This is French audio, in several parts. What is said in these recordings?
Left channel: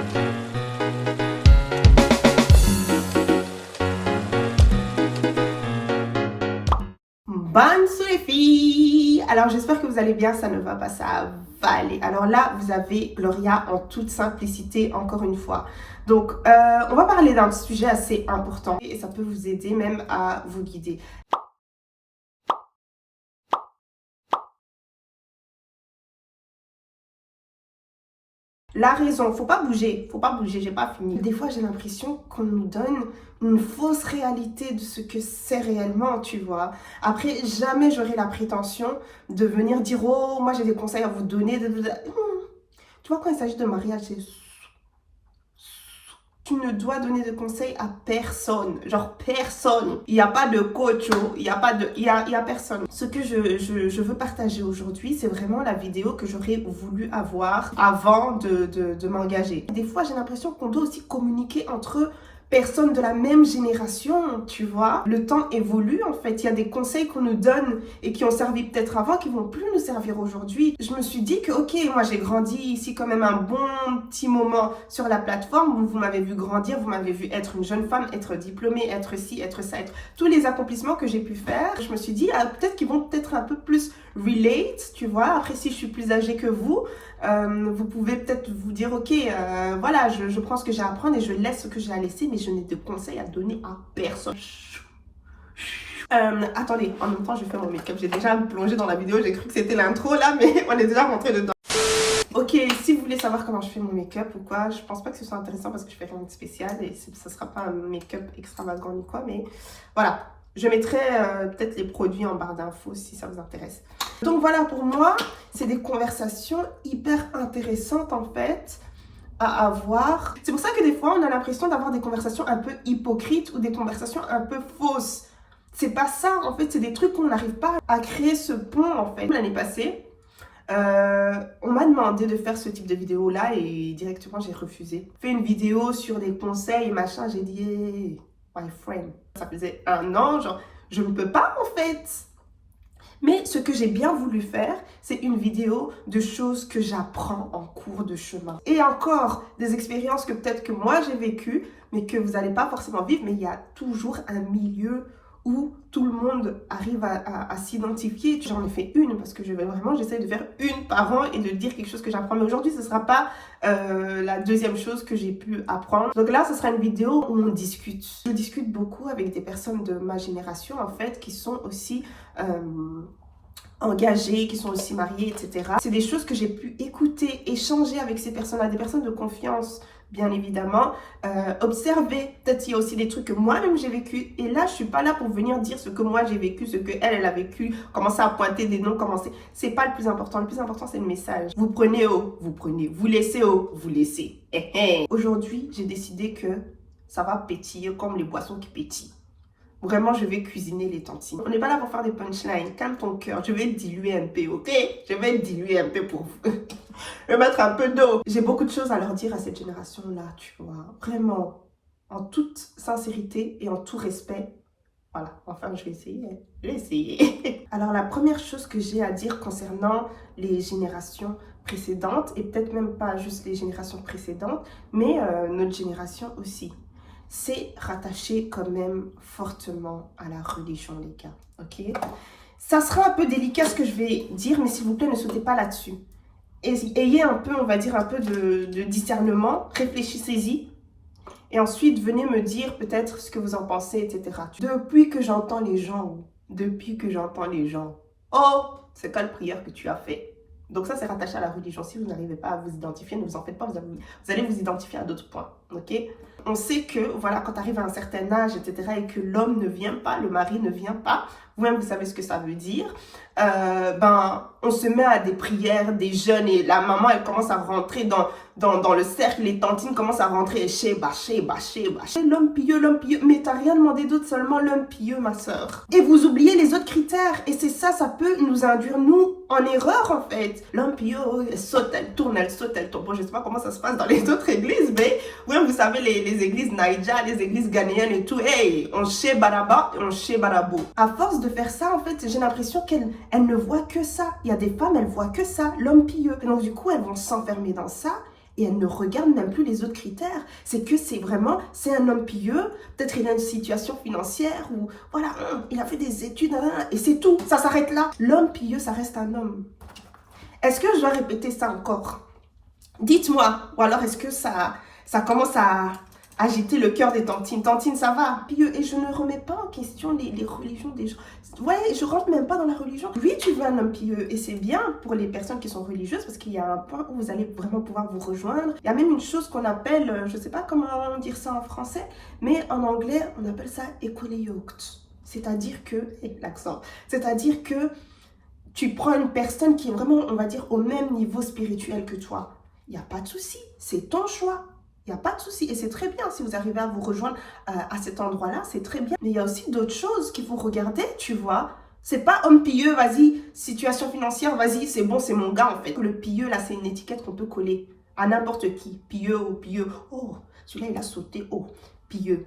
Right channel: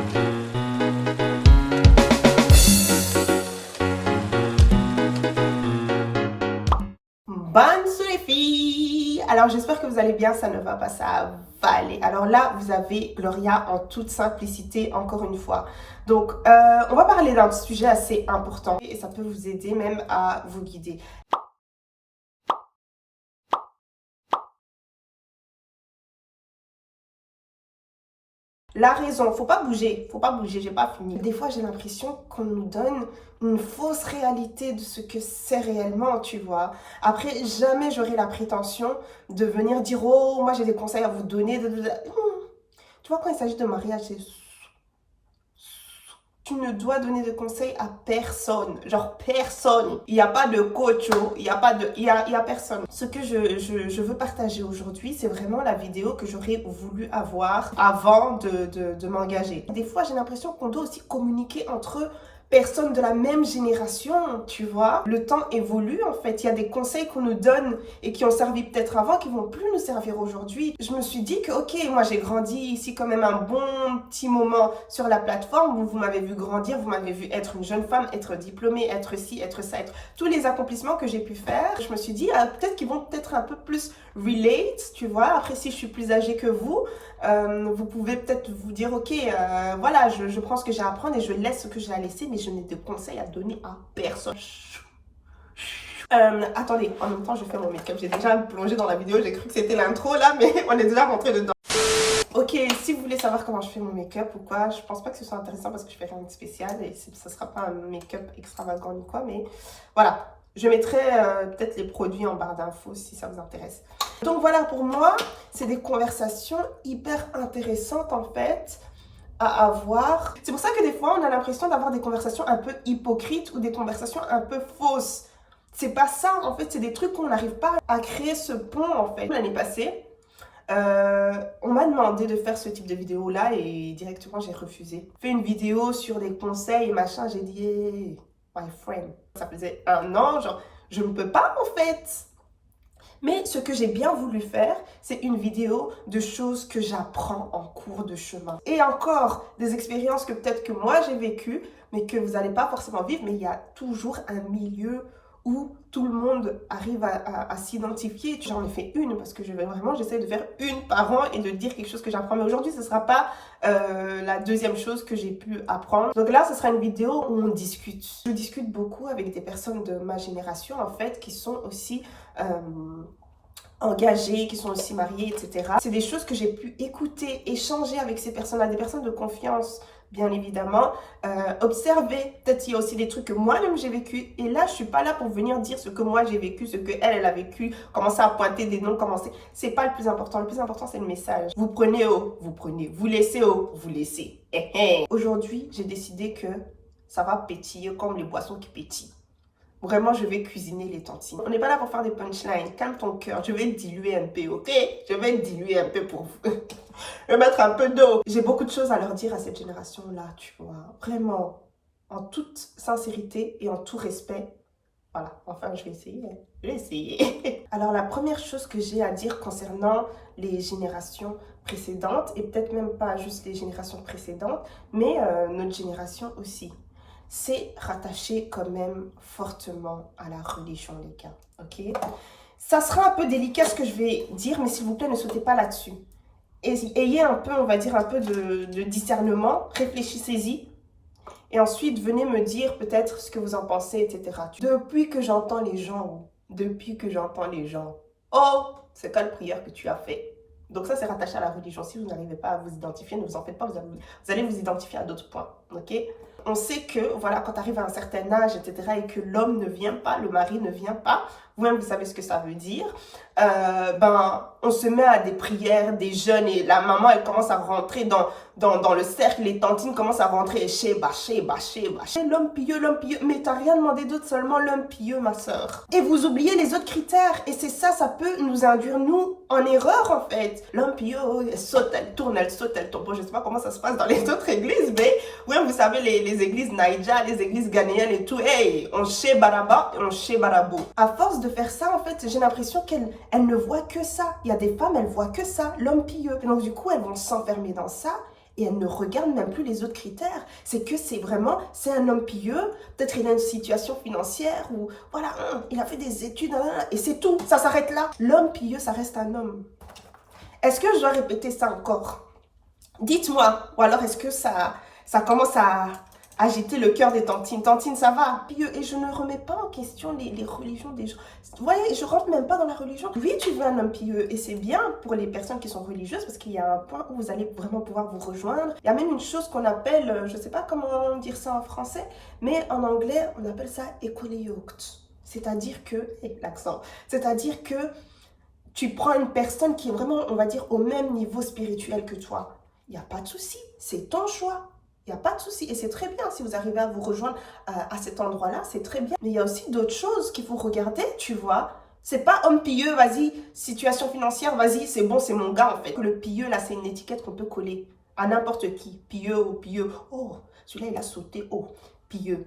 Bonne les filles! Alors j'espère que vous allez bien, ça ne va pas, ça va aller. Alors là, vous avez Gloria en toute simplicité, encore une fois. Donc, on va parler d'un sujet assez important et ça peut vous aider même à vous guider. La raison, faut pas bouger, j'ai pas fini. Des fois, j'ai l'impression qu'on nous donne une fausse réalité de ce que c'est réellement, tu vois. Après, jamais j'aurai la prétention de venir dire, oh, moi j'ai des conseils à vous donner. Tu vois, quand il s'agit de mariage, c'est... Tu ne dois donner de conseils à personne, genre personne. Il n'y a pas de coach, il n'y a pas de, il y a personne. Ce que je veux partager aujourd'hui, c'est vraiment la vidéo que j'aurais voulu avoir avant de m'engager. Des fois, j'ai l'impression qu'on doit aussi communiquer entre personnes de la même génération, tu vois. Le temps évolue en fait, il y a des conseils qu'on nous donne et qui ont servi peut-être avant, qui vont plus nous servir aujourd'hui. Je me suis dit que ok, moi j'ai grandi ici quand même un bon petit moment sur la plateforme, vous m'avez vu grandir, vous m'avez vu être une jeune femme, être diplômée, être ci, être ça, être tous les accomplissements que j'ai pu faire. Je me suis dit peut-être qu'ils vont peut-être un peu plus relate, tu vois. Après, si je suis plus âgée que vous pouvez peut-être vous dire ok, voilà, je prends ce que j'ai à apprendre et je laisse ce que j'ai à laisser, mais je n'ai de conseils à donner à personne. Attendez, en même temps je fais mon make-up, j'ai déjà plongé dans la vidéo, j'ai cru que c'était l'intro là, mais on est déjà rentré dedans. Ok, si vous voulez savoir comment je fais mon make-up ou quoi, je pense pas que ce soit intéressant parce que je fais rien de spécial et ce sera pas un make-up extravagant ni quoi, mais voilà. Je mettrai peut-être les produits en barre d'infos si ça vous intéresse. Donc voilà, pour moi, c'est des conversations hyper intéressantes en fait à avoir. C'est pour ça que des fois, on a l'impression d'avoir des conversations un peu hypocrites ou des conversations un peu fausses. C'est pas ça, en fait, c'est des trucs qu'on n'arrive pas à créer ce pont en fait. L'année passée, on m'a demandé de faire ce type de vidéo là et directement j'ai refusé. J'ai fait une vidéo sur des conseils et machin, j'ai dit hey, my friend. Ça faisait un an, genre je ne peux pas en fait. Mais ce que j'ai bien voulu faire, c'est une vidéo de choses que j'apprends en cours de chemin. Et encore, des expériences que peut-être que moi j'ai vécues, mais que vous n'allez pas forcément vivre, mais il y a toujours un milieu où tout le monde arrive à s'identifier. J'en ai fait une parce que j'essaie de faire une par an et de dire quelque chose que j'apprends. Mais aujourd'hui, ce ne sera pas la deuxième chose que j'ai pu apprendre. Donc là, ce sera une vidéo où on discute. Je discute beaucoup avec des personnes de ma génération, en fait, qui sont aussi engagées, qui sont aussi mariées, etc. C'est des choses que j'ai pu écouter, échanger avec ces personnes-là, des personnes de confiance, bien évidemment, observer, peut-être il y a aussi des trucs que moi-même j'ai vécu, et là je suis pas là pour venir dire ce que moi j'ai vécu, ce que elle a vécu, commencer à pointer des noms, c'est pas le plus important c'est le message. Vous prenez vous laissez vous laissez. Aujourd'hui j'ai décidé que ça va pétiller comme les boissons qui pétillent. Vraiment, je vais cuisiner les tantines. On n'est pas là pour faire des punchlines. Calme ton cœur. Je vais diluer un peu, ok? Je vais diluer un peu pour vous. Je vais mettre un peu d'eau. J'ai beaucoup de choses à leur dire à cette génération-là, tu vois. Vraiment, en toute sincérité et en tout respect. Voilà, enfin, je vais essayer. Je vais essayer. Alors, la première chose que j'ai à dire concernant les générations précédentes, et peut-être même pas juste les générations précédentes, mais notre génération aussi, c'est rattaché quand même fortement à la religion, les gars, ok? Ça sera un peu délicat ce que je vais dire, mais s'il vous plaît, ne sautez pas là-dessus. Ayez un peu, on va dire, un peu de discernement, réfléchissez-y, et ensuite, venez me dire peut-être ce que vous en pensez, etc. Depuis que j'entends les gens, oh, c'est quelle prière que tu as fait? Donc ça, c'est rattaché à la religion. Si vous n'arrivez pas à vous identifier, ne vous en faites pas, vous allez vous identifier à d'autres points, ok? On sait que, voilà, quand tu arrives à un certain âge, etc., et que l'homme ne vient pas, le mari ne vient pas, vous-même, vous savez ce que ça veut dire, on se met à des prières, des jeûnes, et la maman, elle commence à rentrer dans le cercle, les tantines commencent à rentrer, bâcher. L'homme pieux, mais t'as rien demandé d'autre, seulement l'homme pieux, ma soeur. Et vous oubliez les autres critères, et c'est ça, ça peut nous induire, nous, en erreur, en fait. L'homme pieux, elle saute, elle tourne. Bon, je sais pas comment ça se passe dans les autres églises, mais, oui, vous savez, les églises Naïdja, les églises ghanéennes et tout, hey, on chez Baraba et on chez Barabo. À force de faire ça, en fait, j'ai l'impression qu'elle ne voit que ça. Il y a des femmes, elles voient que ça, l'homme pieux. Et donc, du coup, elles vont s'enfermer dans ça. et elle ne regarde même plus les autres critères. C'est que c'est un homme pieux, peut-être il a une situation financière ou voilà, il a fait des études, et c'est tout, ça s'arrête là. L'homme pieux, ça reste un homme. Est-ce que je dois répéter ça encore? Dites-moi, ou alors est-ce que ça commence à agiter le cœur des tantines? Tantine, ça va, pieux, et je ne remets pas en question les religions des gens. Vous voyez, je rentre même pas dans la religion. Oui, tu veux un homme pieux, et c'est bien pour les personnes qui sont religieuses, parce qu'il y a un point où vous allez vraiment pouvoir vous rejoindre. Il y a même une chose qu'on appelle, je sais pas comment dire ça en français, mais en anglais, on appelle ça equally yoked. C'est-à-dire que, l'accent, c'est-à-dire que tu prends une personne qui est vraiment, on va dire, au même niveau spirituel que toi. Il n'y a pas de souci, c'est ton choix. Il n'y a pas de souci. Et c'est très bien si vous arrivez à vous rejoindre à cet endroit-là, c'est très bien. Mais il y a aussi d'autres choses qu'il faut regarder, tu vois. C'est pas homme pieux, vas-y, situation financière, vas-y, c'est bon, c'est mon gars en fait. Le pieux, là, c'est une étiquette qu'on peut coller à n'importe qui. Pieux ou pieux. Oh, celui-là, il a sauté haut. Pieux.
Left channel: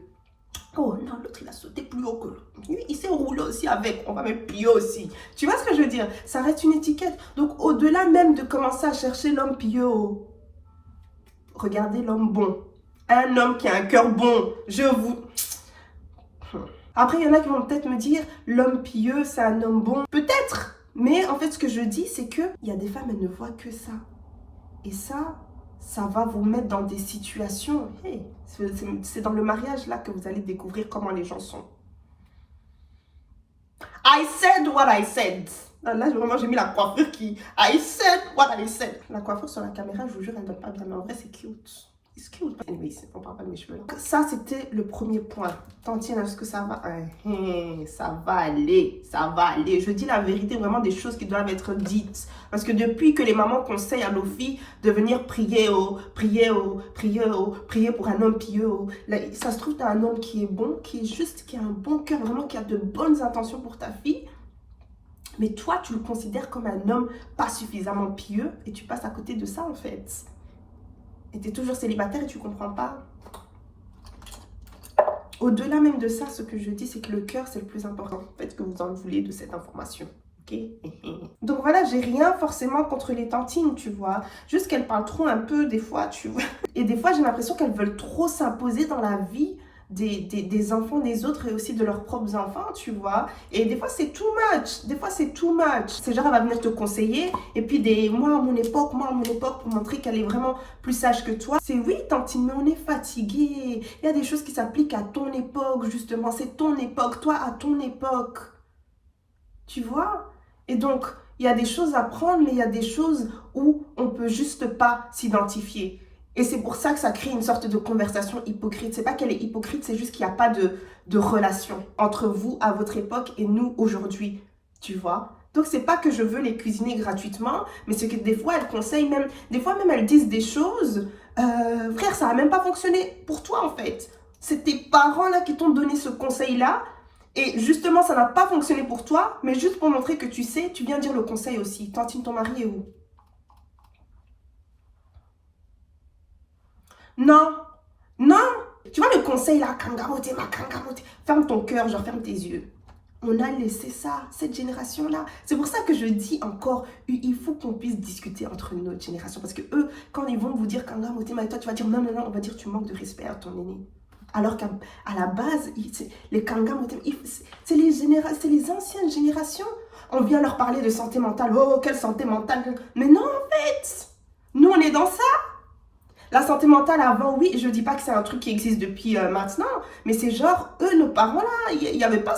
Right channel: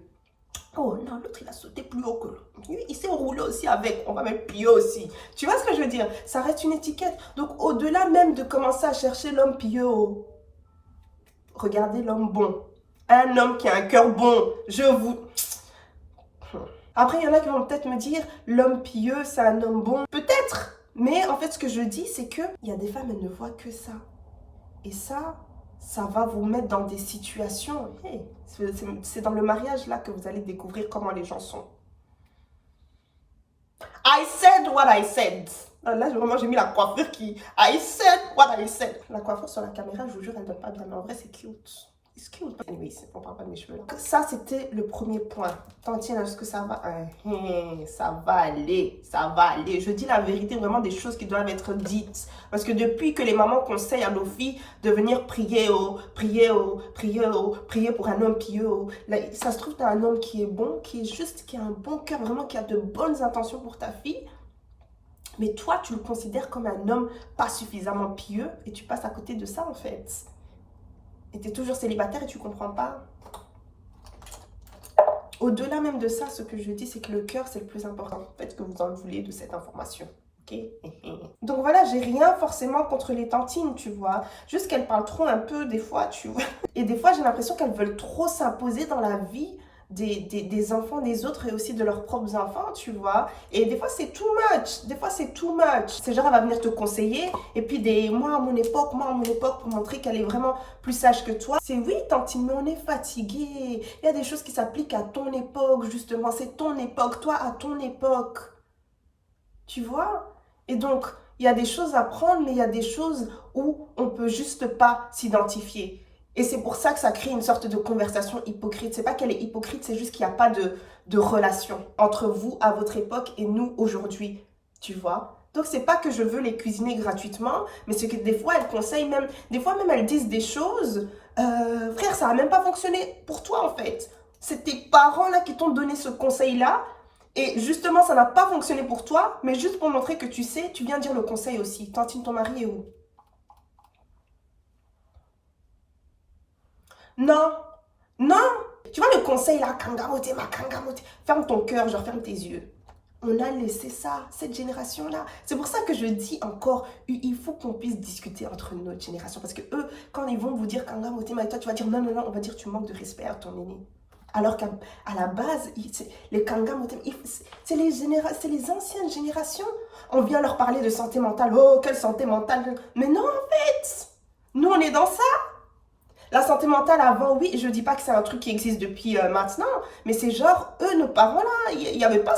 Oh non, l'autre, il a sauté plus haut que l'autre. Il s'est roulé aussi avec. On va mettre pieux aussi. Tu vois ce que je veux dire? Ça reste une étiquette. Donc, au-delà même de commencer à chercher l'homme pieux, regardez l'homme bon. Un homme qui a un cœur bon. Je vous... Après, il y en a qui vont peut-être me dire, l'homme pieux, c'est un homme bon. Peut-être. Mais en fait, ce que je dis, c'est que il y a des femmes, elles ne voient que ça. Et ça va vous mettre dans des situations. Hey, c'est dans le mariage là que vous allez découvrir comment les gens sont. I said what I said. Là, vraiment, j'ai mis la coiffure qui... I said what I said. La coiffure sur la caméra, je vous jure, elle ne donne pas bien. Mais en vrai, c'est cute. C'est cute. Anyway, on parle pas de mes cheveux. Donc, ça, c'était le premier point. Tantine, est-ce que ça va? Ça va aller. Ça va aller. Je dis la vérité, vraiment des choses qui doivent être dites. Parce que depuis que les mamans conseillent à nos filles de venir prier pour un homme pieux, là, ça se trouve, tu as un homme qui est bon, qui est juste, qui a un bon cœur, vraiment, qui a de bonnes intentions pour ta fille. Mais toi, tu le considères comme un homme pas suffisamment pieux et tu passes à côté de ça, en fait. Et tu es toujours célibataire et tu comprends pas. Au-delà même de ça, ce que je dis, c'est que le cœur, c'est le plus important. Faites que vous en voulez de cette information. Ok. Donc voilà, j'ai rien forcément contre les tantines, tu vois. Juste qu'elles parlent trop un peu des fois, tu vois. Et des fois, j'ai l'impression qu'elles veulent trop s'imposer dans la vie des enfants des autres et aussi de leurs propres enfants, tu vois. Et des fois, c'est too much. Des fois, c'est too much. C'est genre, elle va venir te conseiller. Et puis, moi, à mon époque, pour montrer qu'elle est vraiment plus sage que toi. C'est oui, tantine, mais on est fatigué. Il y a des choses qui s'appliquent à ton époque, justement. C'est ton époque, toi, à ton époque. Tu vois? Et donc, il y a des choses à prendre, mais il y a des choses où on peut juste pas s'identifier. Et c'est pour ça que ça crée une sorte de conversation hypocrite. C'est pas qu'elle est hypocrite, c'est juste qu'il n'y a pas de relation entre vous à votre époque et nous aujourd'hui, tu vois. Donc c'est pas que je veux les cuisiner gratuitement, mais c'est que des fois elles conseillent même, des fois même elles disent des choses, frère, ça a même pas fonctionné pour toi en fait. C'est tes parents là qui t'ont donné ce conseil là, et justement ça n'a pas fonctionné pour toi, mais juste pour montrer que tu sais, tu viens dire le conseil aussi. Tantine, ton mari est où? Non, non. Tu vois le conseil là, kangamote, ma kangamote. Ferme ton cœur, genre ferme tes yeux. On a laissé ça, cette génération-là. C'est pour ça que je dis encore, il faut qu'on puisse discuter entre notre génération. Parce que eux, quand ils vont vous dire kangamote, ma, toi tu vas dire non, non, non, on va dire tu manques de respect à ton aîné. Alors qu'à la base, les kangamote, c'est les anciennes générations. On vient leur parler de santé mentale. Oh, quelle santé mentale. Mais non, en fait, nous on est dans ça. La santé mentale avant, oui, je dis pas que c'est un truc qui existe depuis maintenant, mais c'est genre, eux, nos parents là, il n'y avait pas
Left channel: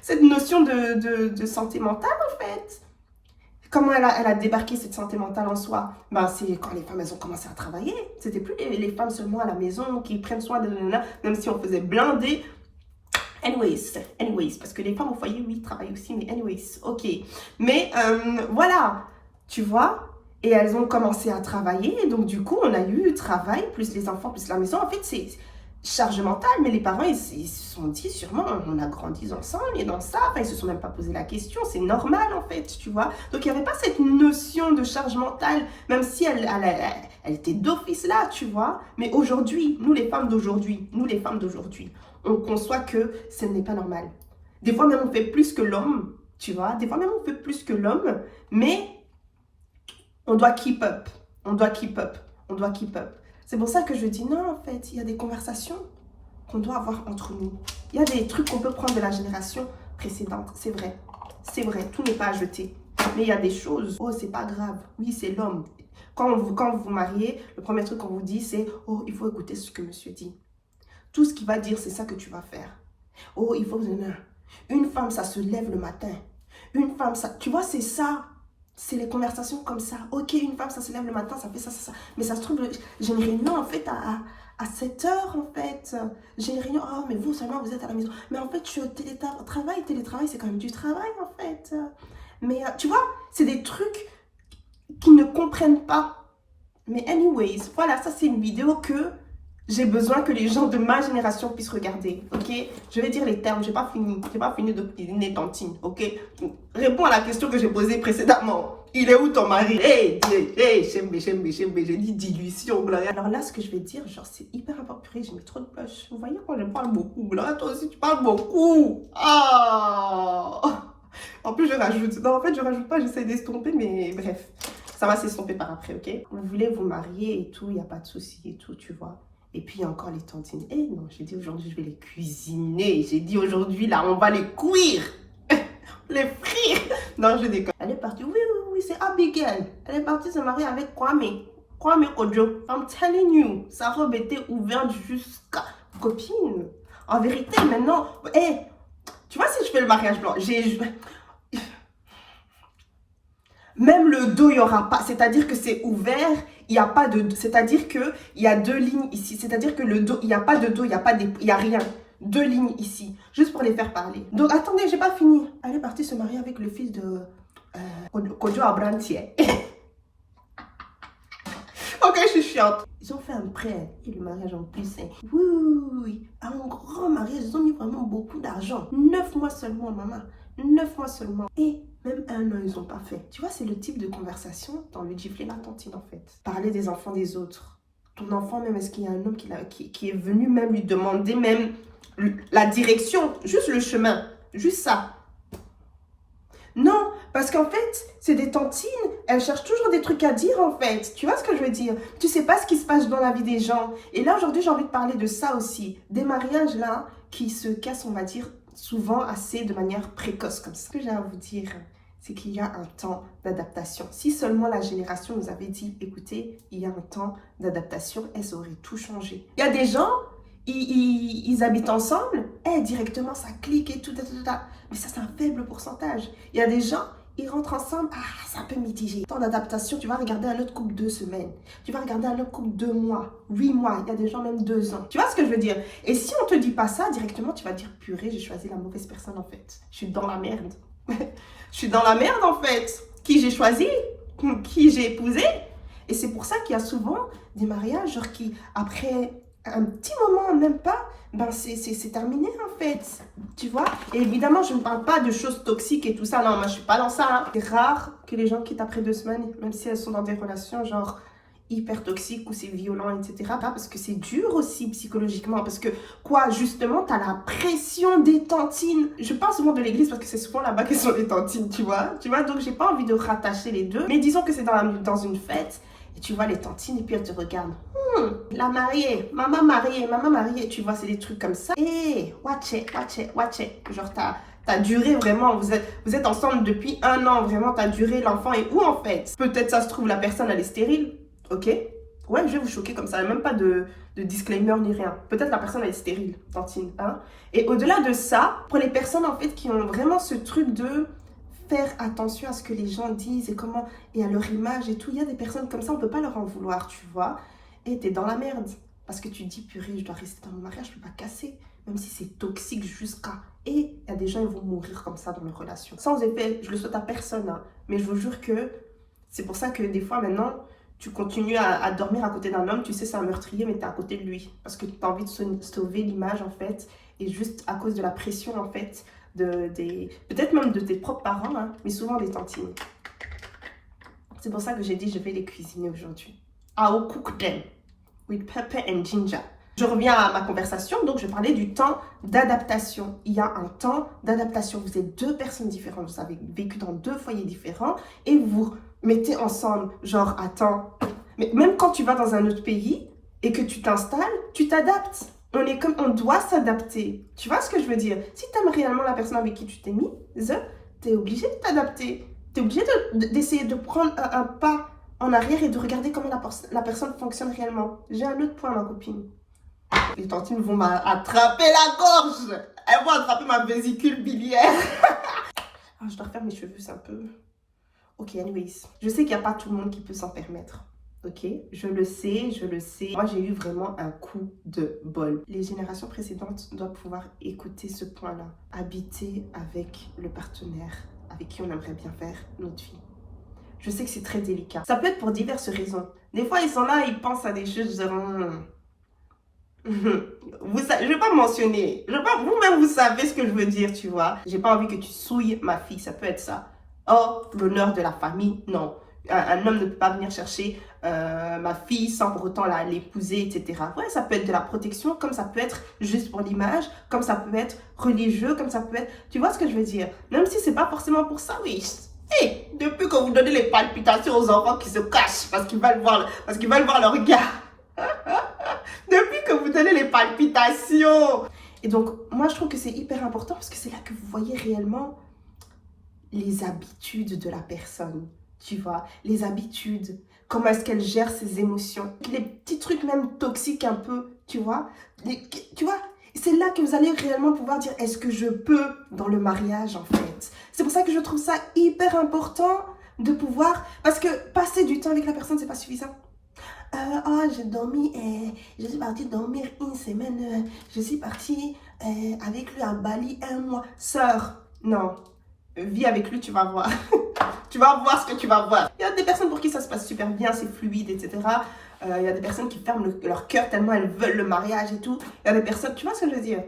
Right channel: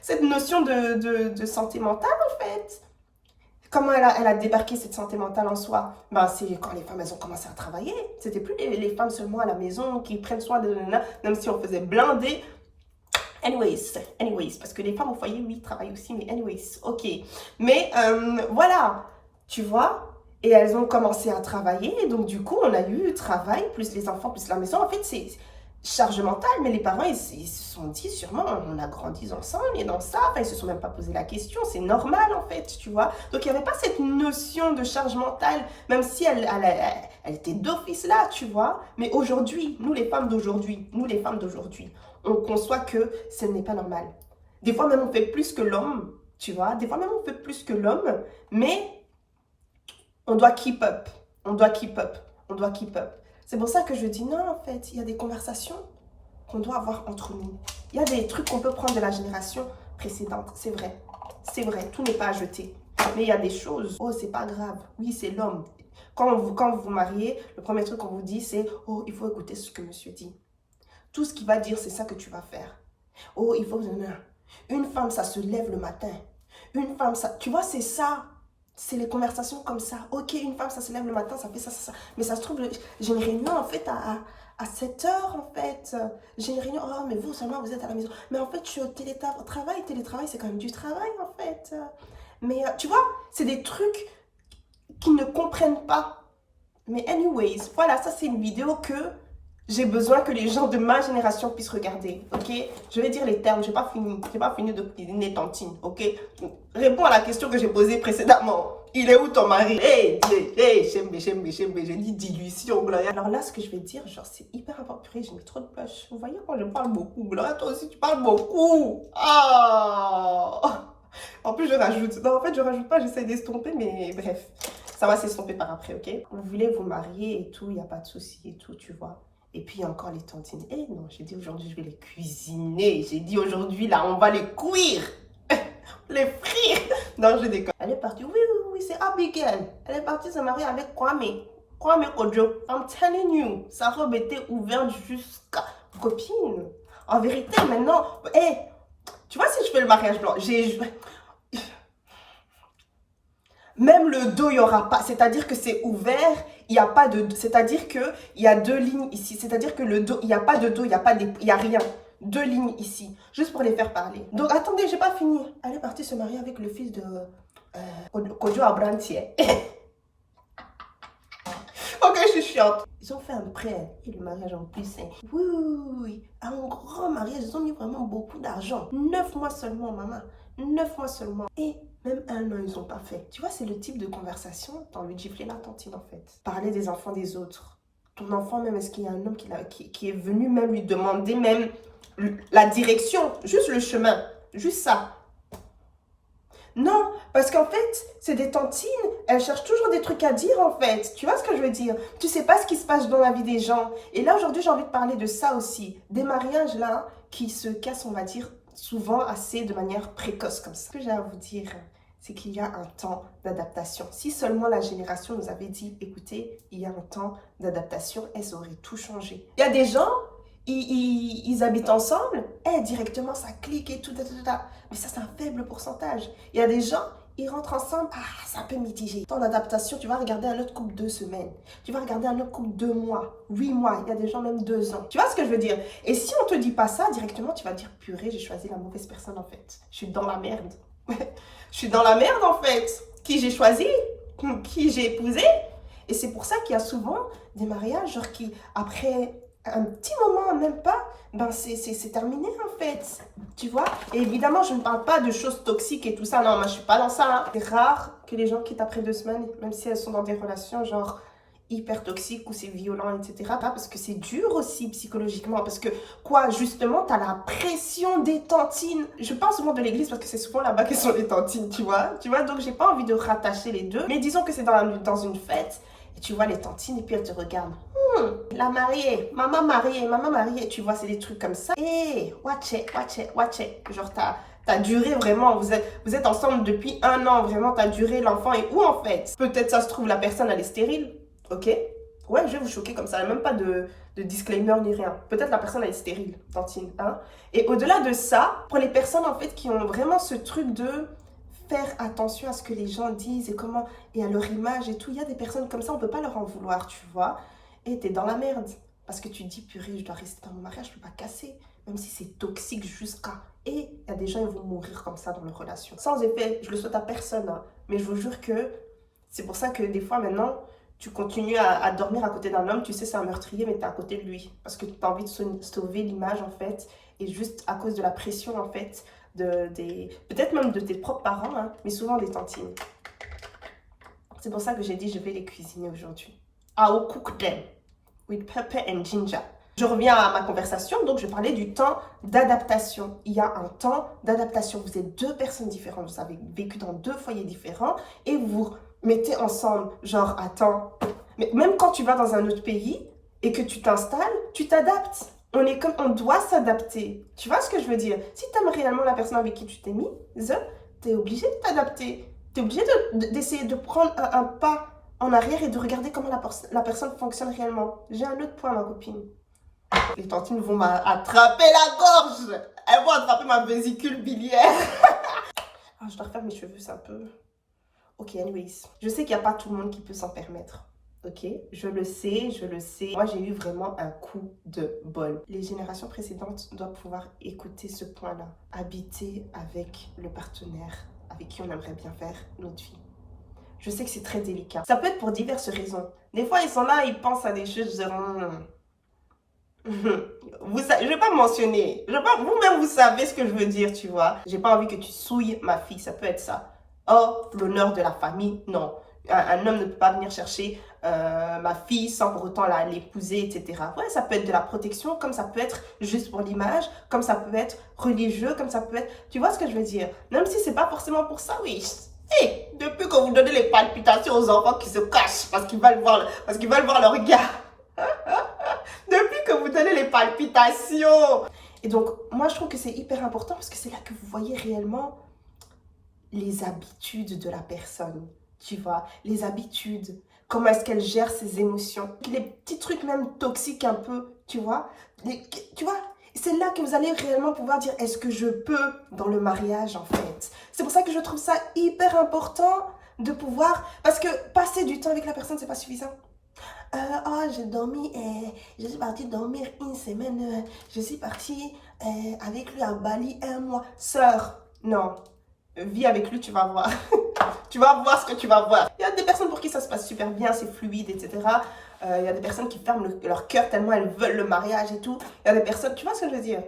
cette notion de santé mentale en fait. Comment elle a débarqué cette santé mentale en soi? Ben, c'est quand les femmes elles ont commencé à travailler. C'était plus les femmes seulement à la maison qui prennent soin de là, même si on faisait blinder. Anyways, parce que les femmes au foyer, oui, travaillent aussi, mais anyways, ok. Mais voilà, tu vois. Et elles ont commencé à travailler. Et donc, du coup, on a eu travail, plus les enfants, plus la maison. En fait, c'est charge mentale. Mais les parents, ils se sont dit, sûrement, on a grandi ensemble et dans ça. Enfin, ils se sont même pas posé la question. C'est normal, en fait, tu vois. Donc, il n'y avait pas cette notion de charge mentale, même si elle était d'office là, tu vois. Mais aujourd'hui, nous, les femmes d'aujourd'hui, on conçoit que ce n'est pas normal. Des fois, même, on fait plus que l'homme, tu vois. Des fois, même, on fait plus que l'homme. Mais on doit keep up. On doit keep up. On doit keep up. C'est pour ça que je dis non, en fait, il y a des conversations qu'on doit avoir entre nous. Il y a des trucs qu'on peut prendre de la génération précédente, c'est vrai. C'est vrai, tout n'est pas à jeter. Mais il y a des choses, oh, c'est pas grave. Oui, c'est l'homme. Quand vous mariez, le premier truc qu'on vous dit, c'est « Oh, il faut écouter ce que monsieur dit. Tout ce qu'il va dire, c'est ça que tu vas faire. Oh, il faut... » Une femme, ça se lève le matin. Une femme, ça... Tu vois, c'est ça. C'est les conversations comme ça. Ok, une femme, ça se lève le matin, ça fait ça, ça, ça. Mais ça se trouve, j'ai une réunion, en fait, à 7 heures, en fait. J'ai une réunion, oh, mais vous seulement, vous êtes à la maison. Mais en fait, je suis au télétravail. Télétravail, c'est quand même du travail, en fait. Mais tu vois, c'est des trucs qu'ils ne comprennent pas. Mais anyways, voilà, ça, c'est une vidéo que j'ai besoin que les gens de ma génération puissent regarder, ok? Je vais dire les termes, j'ai pas fini de cuisiner tantine, ok? Réponds à la question que j'ai posée précédemment. Il est où ton mari? Hey, j'ai dit dilution, Gloria. Alors là, ce que je vais dire, genre, c'est hyper important. Purée, j'ai mis trop de blush. Vous voyez quand je parle beaucoup, Gloria, toi aussi, tu parles beaucoup. Ah! En plus, je rajoute. Non, en fait, je rajoute pas, j'essaie d'estomper, mais bref. Ça va s'estomper par après, ok? Vous voulez vous marier et tout, il n'y a pas de souci et tout, tu vois? Et puis, il y a encore les tantines. Eh non, j'ai dit aujourd'hui, je vais les cuisiner. J'ai dit aujourd'hui, là, on va les cuire. Les frire. Non, je déconne. Elle est partie. Oui, oui, oui, c'est Abigail. Elle est partie se marier avec Kwame. Kwame Kojo. I'm telling you. Sa robe était ouverte jusqu'à... Copine. En vérité, maintenant... Eh, tu vois, si je fais le mariage blanc, même le dos, il n'y aura pas. C'est-à-dire que c'est ouvert. Il n'y a pas de... C'est-à-dire qu'il y a 2 lignes ici. C'est-à-dire que le dos, il n'y a pas de dos, il n'y a rien. 2 lignes ici. Juste pour les faire parler. Donc, attendez, j'ai pas fini. Elle est partie se marier avec le fils de... Kojo Abrantier. Ok, je suis chiante. Ils ont fait un prêt et le mariage en plus. Hein. Oui, oui, oui, oui. Un grand mariage. Ils ont mis vraiment beaucoup d'argent. 9 mois seulement, maman. 9 mois seulement. Et même 1 an, ils n'ont pas fait. Tu vois, c'est le type de conversation dans le gifler la tantine, en fait. Parler des enfants des autres. Ton enfant, même, est-ce qu'il y a un homme qui est venu même lui demander même la direction, juste le chemin, juste ça. Non, parce qu'en fait, c'est des tantines, elles cherchent toujours des trucs à dire en fait. Tu vois ce que je veux dire? Tu sais pas ce qui se passe dans la vie des gens. Et là, aujourd'hui, j'ai envie de parler de ça aussi. Des mariages là qui se cassent, on va dire, souvent assez de manière précoce comme ça. Ce que j'ai à vous dire, c'est qu'il y a un temps d'adaptation. Si seulement la génération nous avait dit, écoutez, il y a un temps d'adaptation, ça aurait tout changé. Il y a des gens... Ils habitent ensemble, et directement ça clique et tout, mais ça c'est un faible pourcentage. Il y a des gens, ils rentrent ensemble, c'est un peu mitigé. Ton adaptation, tu vas regarder un autre couple 2 semaines, tu vas regarder un autre couple 2 mois, 8 mois, il y a des gens même 2 ans. Tu vois ce que je veux dire? Et si on te dit pas ça directement, tu vas dire purée, j'ai choisi la mauvaise personne en fait. Je suis dans la merde. Je suis dans la merde en fait. Qui j'ai choisi, qui j'ai épousé. Et c'est pour ça qu'il y a souvent des mariages genre qui après un petit moment, même pas, ben c'est terminé en fait, tu vois. Et évidemment, je ne parle pas de choses toxiques et tout ça, non, moi je suis pas dans ça. Hein. C'est rare que les gens quittent après 2 semaines, même si elles sont dans des relations genre hyper toxiques ou c'est violent, etc. Parce que c'est dur aussi psychologiquement, parce que quoi, justement, tu as la pression des tantines. Je parle souvent de l'église parce que c'est souvent là-bas qu'elles sont les tantines, tu vois. Donc j'ai pas envie de rattacher les deux, mais disons que c'est dans une fête, et tu vois les tantines et puis elles te regardent. La mariée, maman mariée, tu vois, c'est des trucs comme ça. Et watch it. Genre, t'as duré vraiment, vous êtes ensemble depuis 1 an, vraiment, t'as duré, l'enfant est où en fait? Peut-être ça se trouve, la personne, elle est stérile, ok? Ouais, je vais vous choquer comme ça, même pas de disclaimer ni rien. Peut-être la personne, elle est stérile, tantine, hein? Et au-delà de ça, pour les personnes en fait qui ont vraiment ce truc de faire attention à ce que les gens disent et comment, et à leur image et tout, il y a des personnes comme ça, on peut pas leur en vouloir, tu vois? Et t'es dans la merde. Parce que tu dis, purée, je dois rester dans mon mariage, je peux pas casser. Même si c'est toxique jusqu'à... Et il y a des gens, ils vont mourir comme ça dans leur relation. Sans effet, je le souhaite à personne. Hein. Mais je vous jure que c'est pour ça que des fois, maintenant, tu continues à dormir à côté d'un homme. Tu sais, c'est un meurtrier, mais t'es à côté de lui. Parce que tu as envie de sauver l'image, en fait. Et juste à cause de la pression, en fait, peut-être même de tes propres parents, hein, mais souvent des tantines. C'est pour ça que j'ai dit, je vais les cuisiner aujourd'hui. I will cook them with pepper and ginger. Je reviens à ma conversation, donc je parlais du temps d'adaptation. Il y a un temps d'adaptation. Vous êtes 2 personnes différentes, vous avez vécu dans 2 foyers différents et vous mettez ensemble, genre, attends, Mais même quand tu vas dans un autre pays et que tu t'installes, tu t'adaptes. On doit s'adapter. Tu vois ce que je veux dire? Si tu aimes réellement la personne avec qui tu t'es mise, tu es obligé de t'adapter. Tu es obligé d'essayer de prendre un pas en arrière et de regarder comment la personne fonctionne réellement. J'ai un autre point, ma copine. Les tantines vont m'attraper la gorge. Elles vont attraper ma vésicule biliaire. Ah, je dois refaire mes cheveux, c'est un peu... Ok, anyways. Je sais qu'il n'y a pas tout le monde qui peut s'en permettre. Ok, je le sais, je le sais. Moi, j'ai eu vraiment un coup de bol. Les générations précédentes doivent pouvoir écouter ce point-là. Habiter avec le partenaire avec qui on aimerait bien faire notre vie. Je sais que c'est très délicat. Ça peut être pour diverses raisons. Des fois, ils sont là, ils pensent à des choses genre... je vais pas mentionner. Vous-même, vous savez ce que je veux dire, tu vois. J'ai pas envie que tu souilles ma fille, ça peut être ça. Or, l'honneur de la famille, non. Un homme ne peut pas venir chercher ma fille sans pour autant l'épouser, etc. Ouais, ça peut être de la protection, comme ça peut être juste pour l'image, comme ça peut être religieux, comme ça peut être... Tu vois ce que je veux dire? Même si c'est pas forcément pour ça, oui. Hey, depuis que vous donnez les palpitations aux enfants qui se cachent parce qu'ils veulent voir leur gars. Depuis que vous donnez les palpitations. Et donc, moi, je trouve que c'est hyper important parce que c'est là que vous voyez réellement les habitudes de la personne. Tu vois, les habitudes, comment est-ce qu'elle gère ses émotions. Les petits trucs même toxiques un peu, tu vois. Tu vois, c'est là que vous allez réellement pouvoir dire, est-ce que je peux dans le mariage, en fait. C'est pour ça que je trouve ça hyper important de pouvoir... Parce que passer du temps avec la personne, c'est pas suffisant. Oh, j'ai dormi, je suis partie dormir une semaine, je suis partie avec lui à Bali un mois. Sœur, non, vis avec lui, tu vas voir. Tu vas voir ce que tu vas voir. Il y a des personnes pour qui ça se passe super bien, c'est fluide, etc. Il y a des personnes qui ferment leur cœur tellement elles veulent le mariage et tout. Il y a des personnes, tu vois ce que je veux dire?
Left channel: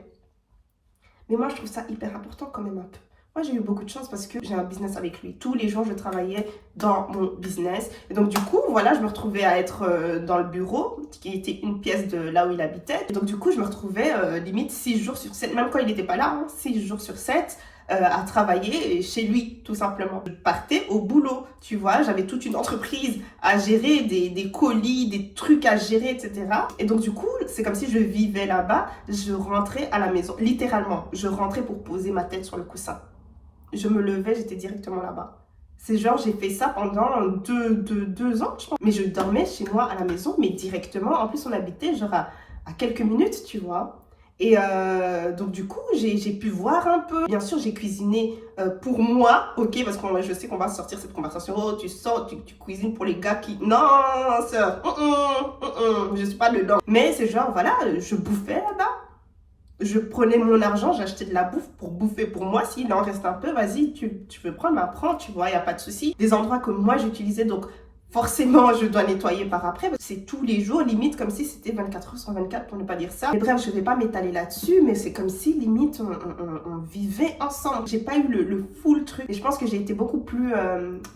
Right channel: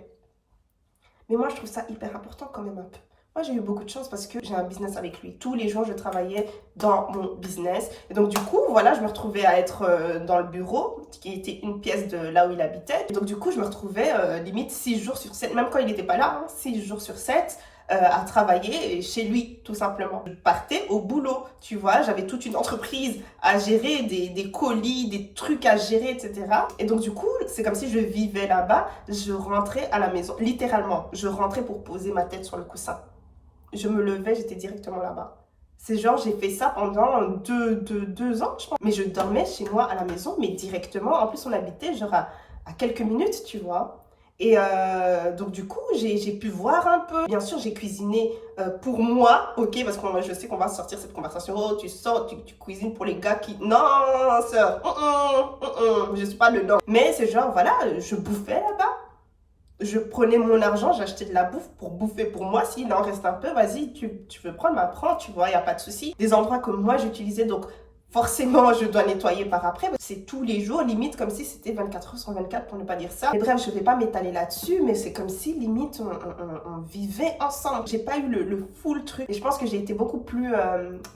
Mais moi, je trouve ça hyper important quand même un peu. Moi, j'ai eu beaucoup de chance parce que j'ai un business avec lui. Tous les jours, je travaillais dans mon business. Et donc, du coup, voilà, je me retrouvais à être dans le bureau, qui était une pièce de là où il habitait. Et donc, du coup, je me retrouvais limite 6 jours sur 7, même quand il n'était pas là, hein, 6 jours sur 7, à travailler chez lui, tout simplement. Je partais au boulot, tu vois. J'avais toute une entreprise à gérer, des colis, des trucs à gérer, etc. Et donc, du coup, c'est comme si je vivais là-bas. Je rentrais à la maison, littéralement. Je rentrais pour poser ma tête sur le coussin. Je me levais, j'étais directement là-bas. C'est genre, j'ai fait ça pendant deux ans, je pense. Mais je dormais chez moi à la maison, mais directement. En plus, on habitait genre à quelques minutes, tu vois. Et donc, du coup, j'ai pu voir un peu. Bien sûr, j'ai cuisiné pour moi, ok, parce que je sais qu'on va sortir cette conversation. Oh, tu sors, tu cuisines pour les gars qui... Non, sœur, je suis pas dedans. Mais c'est genre, voilà, je bouffais là-bas. Je prenais mon argent, j'achetais de la bouffe pour bouffer pour moi. S'il en reste un peu, vas-y, tu veux prendre, prends, tu vois, il n'y a pas de souci. Des endroits que moi j'utilisais, donc forcément je dois nettoyer par après. C'est tous les jours, limite comme si c'était 24 heures sur 24 pour ne pas dire ça. Mais bref, je ne vais pas m'étaler là-dessus, mais c'est comme si limite on vivait ensemble. J'ai pas eu le full truc. Et je pense que j'ai été beaucoup plus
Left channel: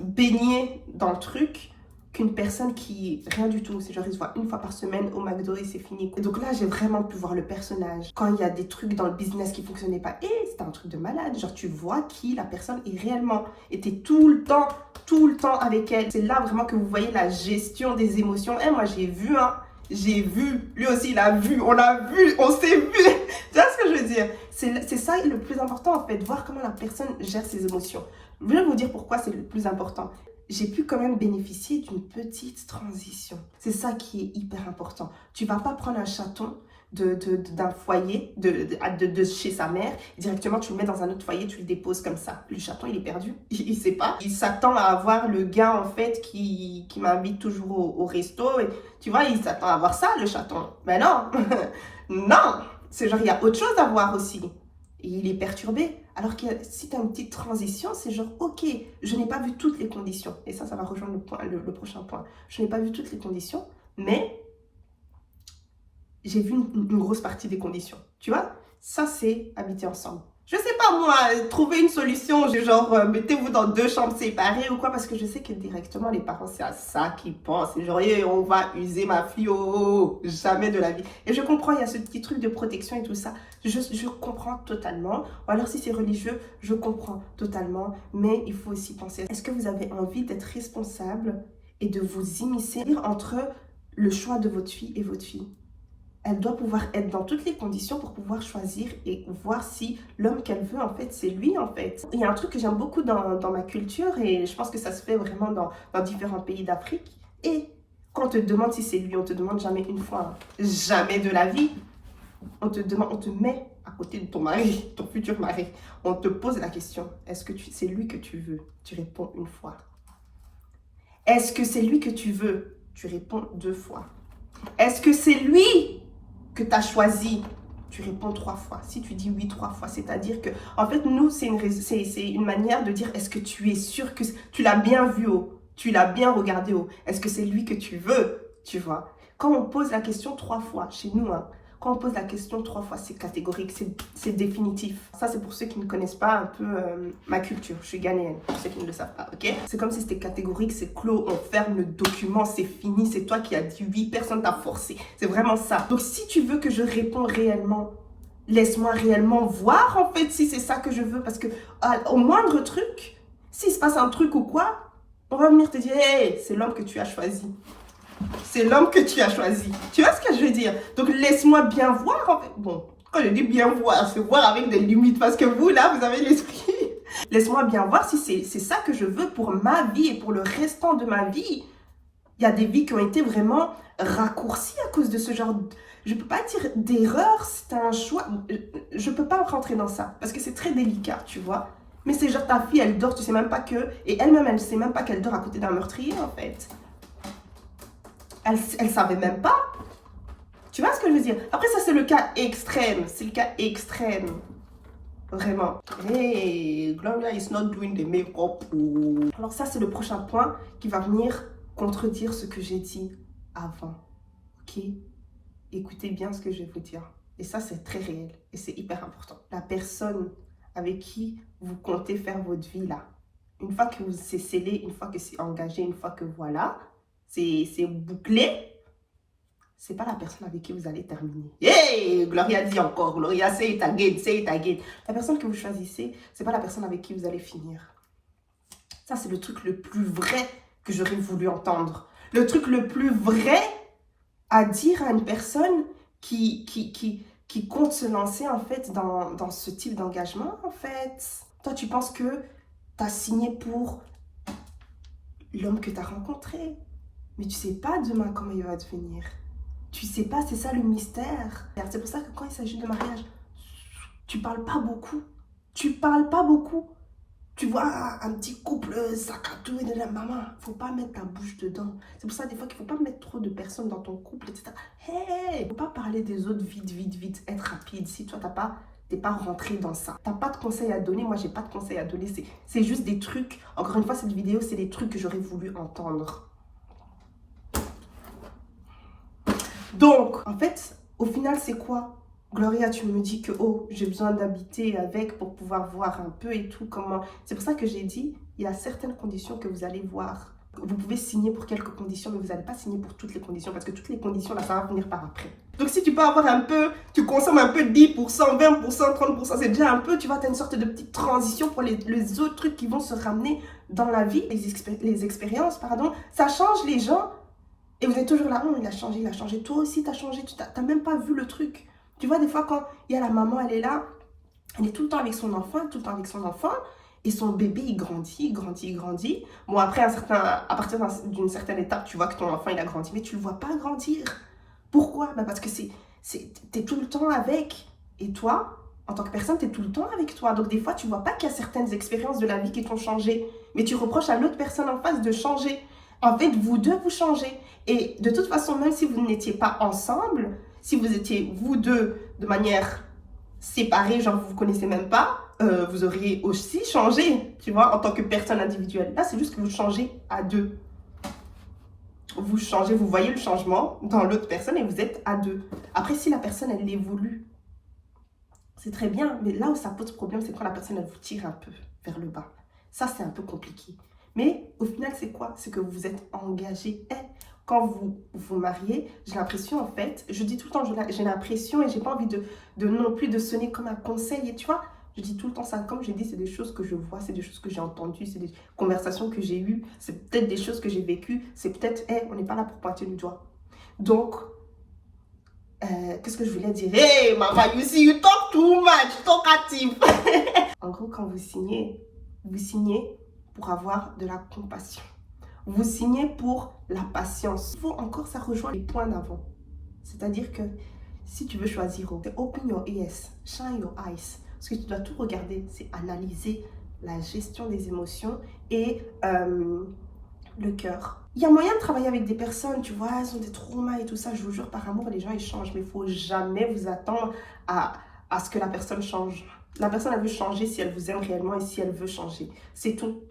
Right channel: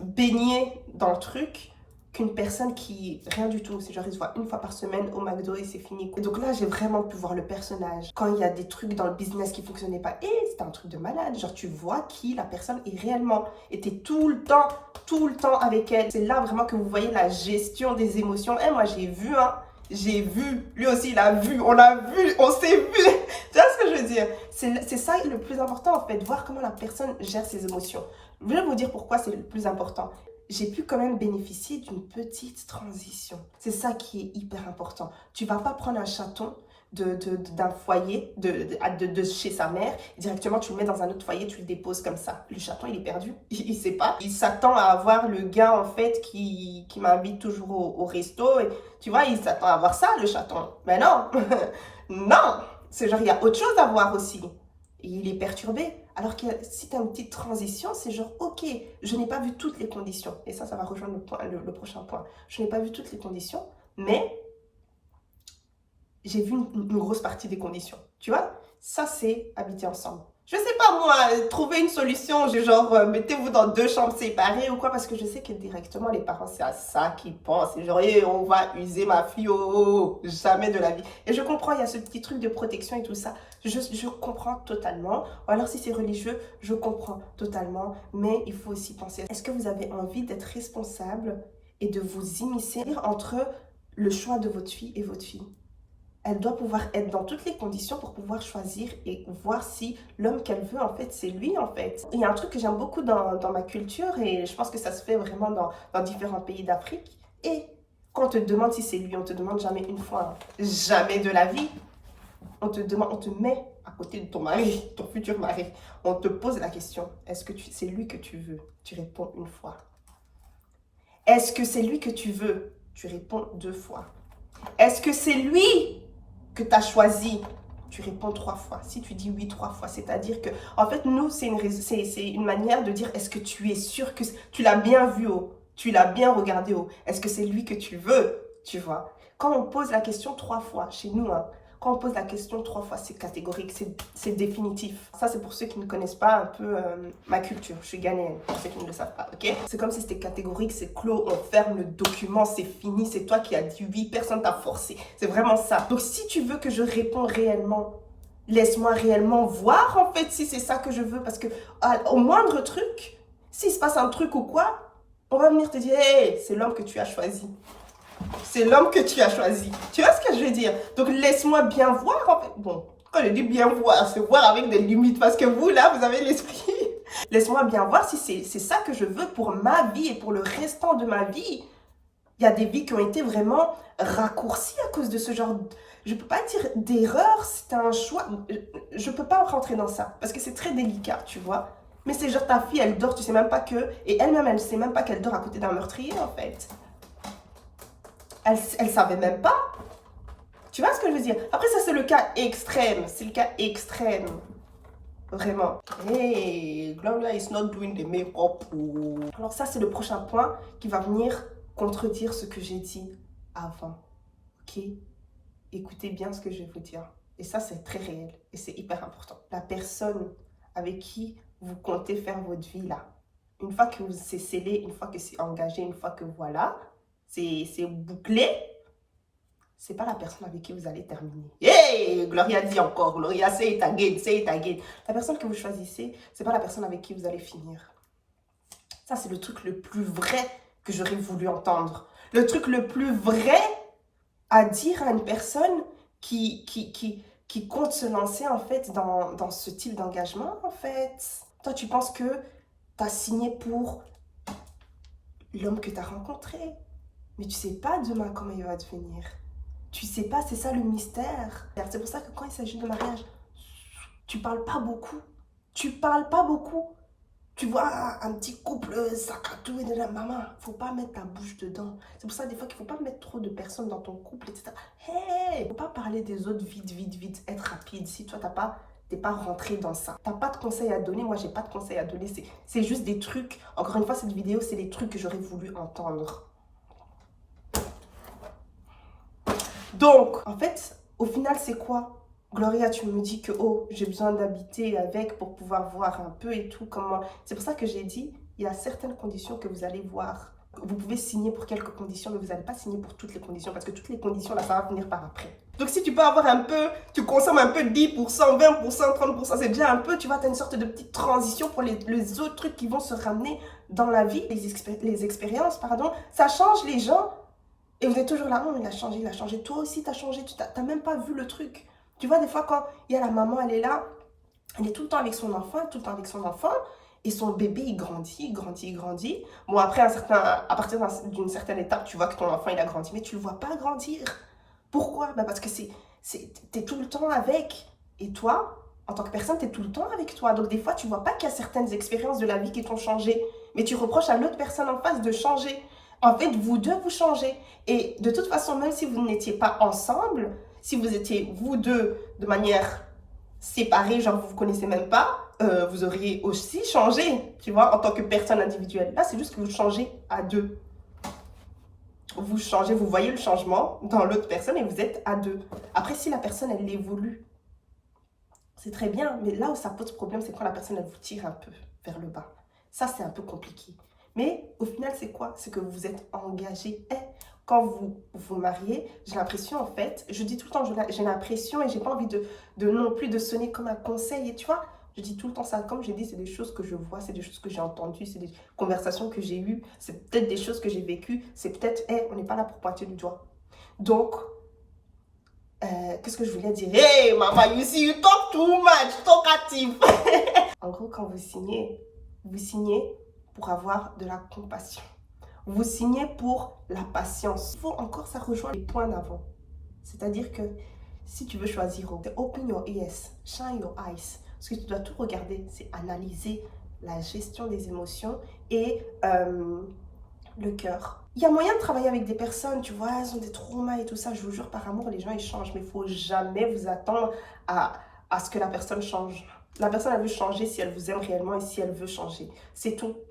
baignée dans le truc qu'une personne qui, rien du tout, c'est genre ils se voient une fois par semaine au McDo et c'est fini. Et donc là, j'ai vraiment pu voir le personnage. Quand il y a des trucs dans le business qui fonctionnaient pas, et c'était un truc de malade. Genre tu vois qui la personne est réellement. Et t'es tout le temps avec elle. C'est là vraiment que vous voyez la gestion des émotions. Et moi, j'ai vu, hein. J'ai vu, lui aussi il a vu, on a vu, on s'est vu. Tu vois ce que je veux dire? C'est ça le plus important en fait, voir comment la personne gère ses émotions. Je vais vous dire pourquoi c'est le plus important. J'ai pu quand même bénéficier d'une petite transition. C'est ça qui est hyper important. Tu vas pas prendre un chaton d'un foyer, de chez sa mère, directement tu le mets dans un autre foyer, tu le déposes comme ça. Le chaton, il est perdu, il sait pas. Il s'attend à avoir le gars, en fait, qui m'invite toujours au resto. Et, tu vois, il s'attend à avoir ça, le chaton. Mais non, non. C'est genre, il y a autre chose à voir aussi. Et il est perturbé. Alors que si tu as une petite transition, c'est genre, ok, je n'ai pas vu toutes les conditions. Et ça va rejoindre le prochain point. Je n'ai pas vu toutes les conditions, mais j'ai vu une grosse partie des conditions. Tu vois, ça c'est habiter ensemble. Je sais pas moi, trouver une solution, du genre mettez-vous dans 2 chambres séparées ou quoi, parce que je sais que directement les parents c'est à ça qu'ils pensent. C'est genre, on va user ma fille, jamais de la vie. Et je comprends, il y a ce petit truc de protection et tout ça. Je comprends totalement. Ou alors si c'est religieux, je comprends totalement. Mais il faut aussi penser, est-ce que vous avez envie d'être responsable et de vous immiscer entre le choix de votre fille et votre fille. Elle doit pouvoir être dans toutes les conditions pour pouvoir choisir et voir si l'homme qu'elle veut, en fait, c'est lui, en fait. Il y a un truc que j'aime beaucoup dans ma culture et je pense que ça se fait vraiment dans différents pays d'Afrique. Et quand on te demande si c'est lui, on te demande jamais une fois, jamais de la vie. On te met à côté de ton mari, ton futur mari. On te pose la question, est-ce que c'est lui que tu veux? Tu réponds une fois. Est-ce que c'est lui que tu veux? Tu réponds 2 fois. Est-ce que c'est lui que tu as choisi? Tu réponds 3 fois. Si tu dis oui 3 fois, c'est-à-dire que, en fait, nous, c'est une manière de dire, est-ce que tu es sûr que tu l'as bien vu tu l'as bien regardé est-ce que c'est lui que tu veux, tu vois? Quand on pose la question 3 fois, chez nous, hein, quand on pose la question 3 fois, c'est catégorique, c'est définitif. Ça, c'est pour ceux qui ne connaissent pas un peu ma culture. Je suis ghanéenne, pour ceux qui ne le savent pas, ok? C'est comme si c'était catégorique, c'est clos, on ferme le document, c'est fini, c'est toi qui as dit oui, personne t'a forcé. C'est vraiment ça. Donc, si tu veux que je réponde réellement, laisse-moi réellement voir, en fait, si c'est ça que je veux. Parce que au moindre truc, s'il se passe un truc ou quoi, on va venir te dire, hey, c'est l'homme que tu as choisi. C'est l'homme que tu as choisi. Tu vois ce que je veux dire? Donc, laisse-moi bien voir. En fait. Bon, quand je dis bien voir, c'est voir avec des limites. Parce que vous, là, vous avez l'esprit. Laisse-moi bien voir si c'est ça que je veux pour ma vie et pour le restant de ma vie. Il y a des vies qui ont été vraiment raccourcies à cause de ce genre... Je ne peux pas dire d'erreur, c'est un choix. Je ne peux pas rentrer dans ça. Parce que c'est très délicat, tu vois. Mais c'est genre ta fille, elle dort, tu sais même pas que... Et elle-même, elle ne sait même pas qu'elle dort à côté d'un meurtrier, en fait. Elle savait même pas. Tu vois ce que je veux dire? Après, ça, c'est le cas extrême. C'est le cas extrême. Vraiment. Hey, Gloria is not doing the make-up. Alors ça, c'est le prochain point qui va venir contredire ce que j'ai dit avant. Ok? Écoutez bien ce que je vais vous dire. Et ça, c'est très réel. Et c'est hyper important. La personne avec qui vous comptez faire votre vie, là, une fois que c'est scellé, une fois que c'est engagé, une fois que voilà, c'est bouclé, c'est pas la personne avec qui vous allez terminer. Hey, Gloria dit encore, Gloria, say it again, say it again. La personne que vous choisissez, c'est pas la personne avec qui vous allez finir. Ça, c'est le truc le plus vrai que j'aurais voulu entendre. Le truc le plus vrai à dire à une personne qui compte se lancer, en fait, dans ce type d'engagement, en fait. Toi, tu penses que tu as signé pour l'homme que tu as rencontré. Mais tu sais pas demain comment il va devenir. Tu sais pas, c'est ça le mystère. C'est pour ça que quand il s'agit de mariage, tu parles pas beaucoup. Tu parles pas beaucoup. Tu vois un petit couple sac à dos et de la maman, faut pas mettre ta bouche dedans. C'est pour ça des fois qu'il faut pas mettre trop de personnes dans ton couple, etc. Hey, faut pas parler des autres vite, être rapide. Si toi t'es pas rentré dans ça. T'as pas de conseils à donner, moi j'ai pas de conseils à donner. C'est juste des trucs, encore une fois cette vidéo c'est des trucs que j'aurais voulu entendre. Donc, en fait, au final, c'est quoi? Gloria, tu me dis que, oh, j'ai besoin d'habiter avec pour pouvoir voir un peu et tout, comment... C'est pour ça que j'ai dit, il y a certaines conditions que vous allez voir. Vous pouvez signer pour quelques conditions, mais vous n'allez pas signer pour toutes les conditions, parce que toutes les conditions, là, ça va venir par après. Donc, si tu peux avoir un peu, tu consommes un peu 10%, 20%, 30%, c'est déjà un peu, tu vois, tu as une sorte de petite transition pour les autres trucs qui vont se ramener dans la vie, les expériences, pardon. Ça change les gens. Et vous êtes toujours là, oh, il a changé. Toi aussi, tu as changé. Tu n'as même pas vu le truc. Tu vois, des fois, quand il y a la maman, elle est là, elle est tout le temps avec son enfant, et son bébé, il grandit. Bon, après, à partir d'une certaine étape, tu vois que ton enfant, il a grandi, mais tu ne le vois pas grandir. Pourquoi? Bah parce que tu es tout le temps avec. Et toi, en tant que personne, tu es tout le temps avec toi. Donc, des fois, tu ne vois pas qu'il y a certaines expériences de la vie qui t'ont changé. Mais tu reproches à l'autre personne en face de changer. En fait, vous deux, vous changez. Et de toute façon, même si vous n'étiez pas ensemble, si vous étiez vous deux de manière séparée, genre vous ne vous connaissez même pas, vous auriez aussi changé, tu vois, en tant que personne individuelle. Là, c'est juste que vous changez à deux. Vous changez, vous voyez le changement dans l'autre personne et vous êtes à deux. Après, si la personne, elle évolue, c'est très bien. Mais là où ça pose problème, c'est quand la personne, elle vous tire un peu vers le bas. Ça, c'est un peu compliqué. Mais au final, c'est quoi? C'est que vous êtes engagé. Quand vous vous mariez, j'ai l'impression, en fait, je dis tout le temps, j'ai l'impression et j'ai pas envie de non plus de sonner comme un conseil. Et tu vois, Je dis tout le temps ça. Comme je dis, c'est des choses que je vois, c'est des choses que j'ai entendues, c'est des conversations que j'ai eues, c'est peut-être des choses que j'ai vécues, c'est peut-être, on n'est pas là pour pointer du doigt. Donc, qu'est-ce que je voulais dire? Hey, maman, you see, you talk too much, talkative. En gros, quand vous signez pour avoir de la compassion. Vous signez pour la patience. Il faut encore, ça rejoint les points d'avant. C'est-à-dire que si tu veux choisir, open your ears, shine your eyes. Parce que tu dois tout regarder, c'est analyser la gestion des émotions et le cœur. Il y a moyen de travailler avec des personnes, tu vois, elles ont des traumas et tout ça. Je vous jure, par amour, les gens, ils changent. Mais il ne faut jamais vous attendre à ce que la personne change. La personne, elle veut changer si elle vous aime réellement et si elle veut changer. C'est tout.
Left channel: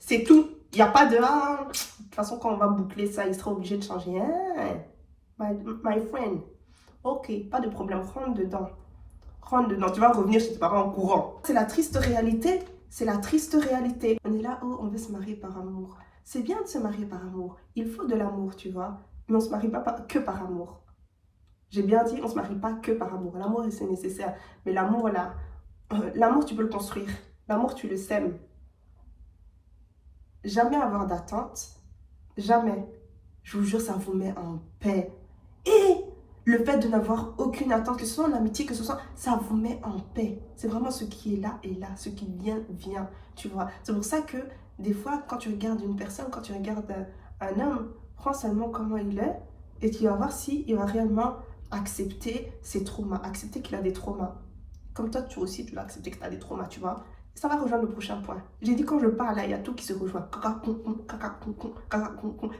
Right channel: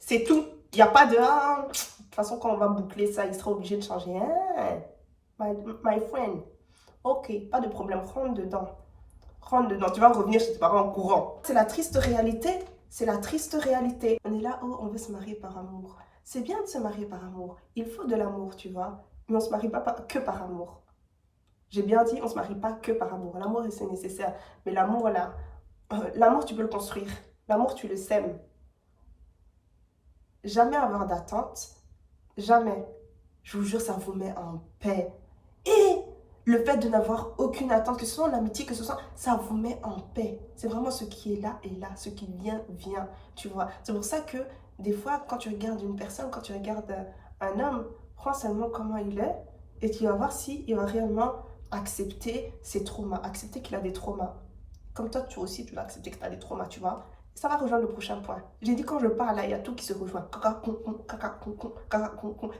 C'est tout. Il n'y a pas de... Ah, de toute façon, quand on va boucler ça, il sera obligé de changer. Ah, my friend. Ok, pas de problème. Rentre dedans. Rentre dedans. Tu vas revenir chez tes parents en courant. C'est la triste réalité. C'est la triste réalité. On est là, oh, on veut se marier par amour. C'est bien de se marier par amour. Il faut de l'amour, tu vois. Mais on ne se marie pas que par amour. J'ai bien dit, on ne se marie pas que par amour. L'amour, c'est nécessaire. Mais l'amour, là, l'amour, tu peux le construire. L'amour, tu le sèmes. Jamais avoir d'attente. Jamais. Je vous jure, ça vous met en paix. Et le fait de n'avoir aucune attente, que ce soit en amitié, que ce soit, ça vous met en paix. C'est vraiment ce qui est là et là. Ce qui vient, vient. Tu vois. C'est pour ça que des fois, quand tu regardes une personne, quand tu regardes un homme, prends seulement comment il est et tu vas voir s'il va réellement accepter ses traumas, accepter qu'il a des traumas. Comme toi, tu aussi, tu vas accepter que tu as des traumas, tu vois. Ça va rejoindre le prochain point. J'ai dit quand je parle, là, il y a tout qui se rejoint.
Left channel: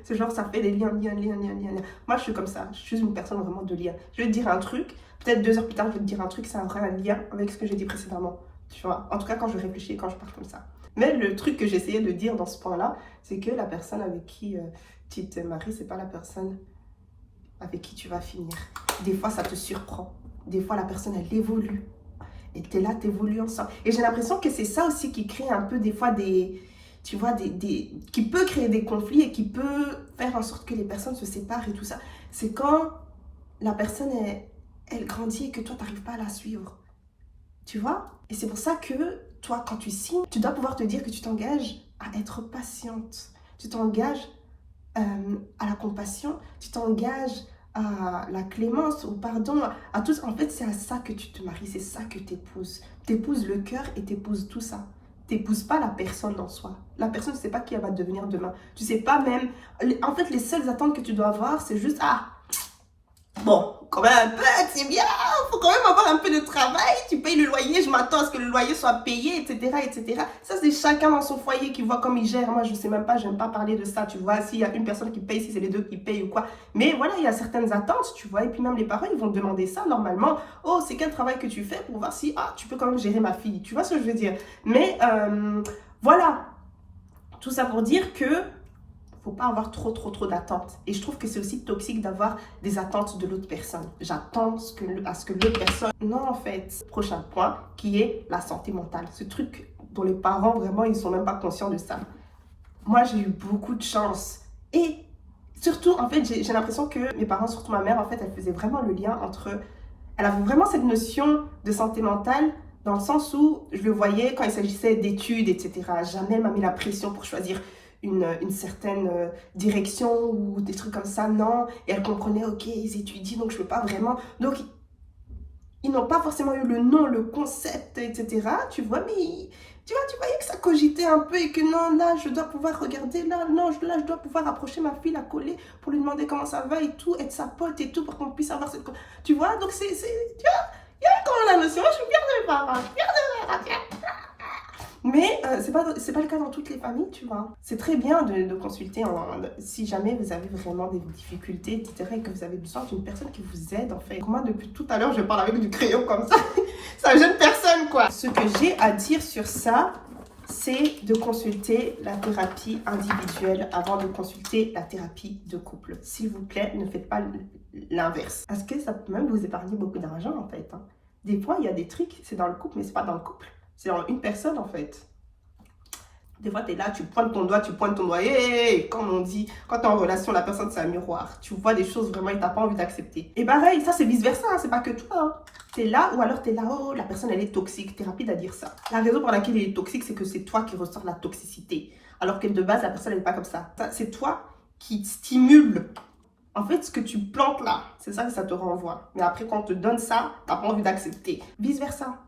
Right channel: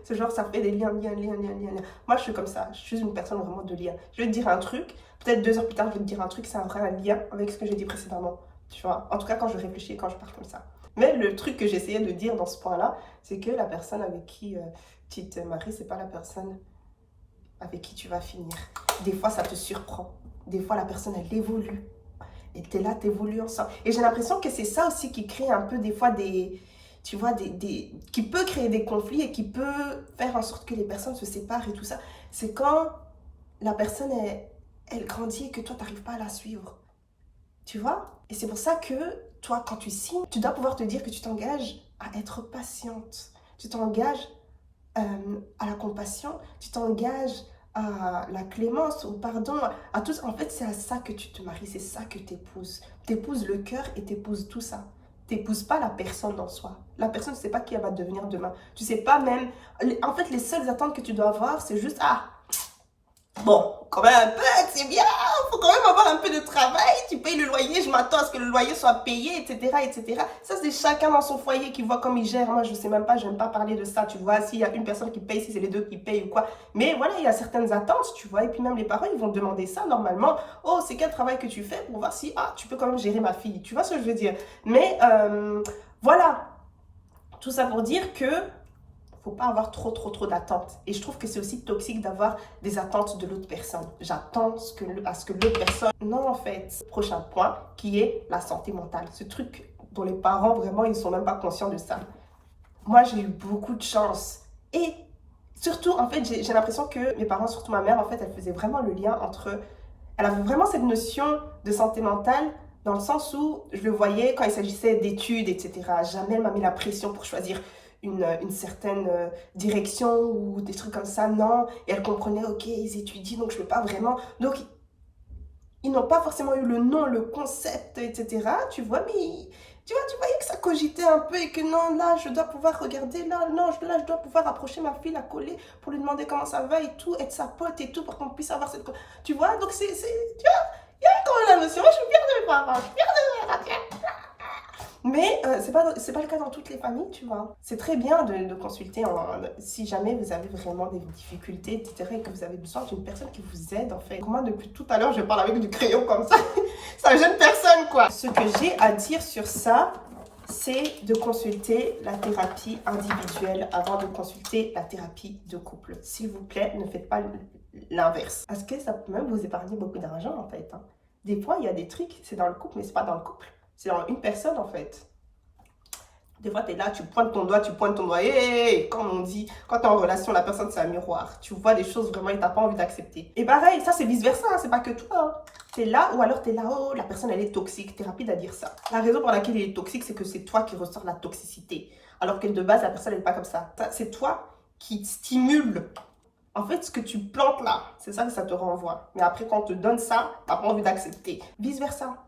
C'est genre, ça fait des liens. Moi, je suis comme ça. Je suis une personne vraiment de lien. Je vais te dire un truc. Peut-être 2 heures plus tard, je vais te dire un truc. C'est un vrai lien avec ce que j'ai dit précédemment. Tu vois. En tout cas, quand je réfléchis, quand je parle comme ça. Mais le truc que j'essayais de dire dans ce point-là, c'est que la personne avec qui tu te maries, c'est pas la personne avec qui tu vas finir. Des fois, ça te surprend. Des fois, la personne, elle évolue. Et tu es là, tu évolues ensemble. Et j'ai l'impression que c'est ça aussi qui crée un peu des fois tu vois, qui peut créer des conflits et qui peut faire en sorte que les personnes se séparent et tout ça. C'est quand la personne, elle grandit et que toi, tu n'arrives pas à la suivre. Tu vois? Et c'est pour ça que toi, quand tu signes, tu dois pouvoir te dire que tu t'engages à être patiente. Tu t'engages à la compassion. Tu t'engages à la clémence, au pardon, à tout ça. En fait, c'est à ça que tu te maries, c'est ça que tu épouses. Tu épouses le cœur et tu épouses tout ça. Tu n'épouses pas la personne en soi. La personne ne sait pas qui elle va devenir demain. Tu sais pas même... En fait, les seules attentes que tu dois avoir, c'est juste, bon, quand même un peu, c'est bien, il faut quand même avoir un peu de travail, tu payes le loyer, je m'attends à ce que le loyer soit payé, etc. Ça, c'est chacun dans son foyer qui voit comme il gère. Moi, je sais même pas, je n'aime pas parler de ça, tu vois, s'il y a une personne qui paye, si c'est les deux qui payent ou quoi. Mais voilà, il y a certaines attentes, tu vois, et puis même les parents, ils vont te demander ça normalement. Oh, c'est quel travail que tu fais pour voir si, tu peux quand même gérer ma fille, tu vois ce que je veux dire. Mais voilà, tout ça pour dire que faut pas avoir trop d'attentes. Et je trouve que c'est aussi toxique d'avoir des attentes de l'autre personne. J'attends à ce que l'autre personne... Non, en fait, prochain point, qui est la santé mentale. Ce truc dont les parents, vraiment, ils sont même pas conscients de ça. Moi, j'ai eu beaucoup de chance. Et surtout, en fait, j'ai l'impression que mes parents, surtout ma mère, en fait, elle faisait vraiment le lien entre... Elle avait vraiment cette notion de santé mentale dans le sens où je le voyais quand il s'agissait d'études, etc. Jamais elle m'a mis la pression pour choisir une certaine direction ou des trucs comme ça, non. Et elle comprenait, ok, ils étudient, donc je ne peux pas vraiment... Donc, ils n'ont pas forcément eu le nom, le concept, etc. Tu vois, mais tu voyais que ça cogitait un peu et que non, là, je dois pouvoir regarder, là, non, là, je dois pouvoir approcher ma fille, la coller pour lui demander comment ça va et tout, être sa pote et tout, pour qu'on puisse avoir cette... Tu vois, donc tu vois, il y a quand même la notion, je suis fière de mes parents, je suis fière de mes parents. Mais c'est pas le cas dans toutes les familles, tu vois. C'est très bien de consulter si jamais vous avez vraiment des difficultés, etc. et que vous avez besoin d'une personne qui vous aide, en fait. Moi, depuis tout à l'heure, je parle avec du crayon comme ça. C'est une jeune personne, quoi. Ce que j'ai à dire sur ça, c'est de consulter la thérapie individuelle avant de consulter la thérapie de couple. S'il vous plaît, ne faites pas l'inverse. Parce que ça peut même vous épargner beaucoup d'argent, en fait. Des fois, il y a des trucs, c'est dans le couple, mais c'est pas dans le couple. C'est dans une personne, en fait. Des fois, tu es là, tu pointes ton doigt. Hey, comme on dit, quand tu es en relation, la personne, c'est un miroir. Tu vois des choses vraiment et tu n'as pas envie d'accepter. Et pareil, ça, c'est vice-versa, c'est pas que toi. T'es là, ou alors t'es là, oh, la personne, elle est toxique. T'es rapide à dire ça. La raison pour laquelle il est toxique, c'est que c'est toi qui ressors la toxicité. Alors que de base, la personne, elle n'est pas comme ça. C'est toi qui stimule. En fait, ce que tu plantes là, c'est ça que ça te renvoie. Mais après, quand on te donne ça, t'as pas envie d'accepter. Vice versa.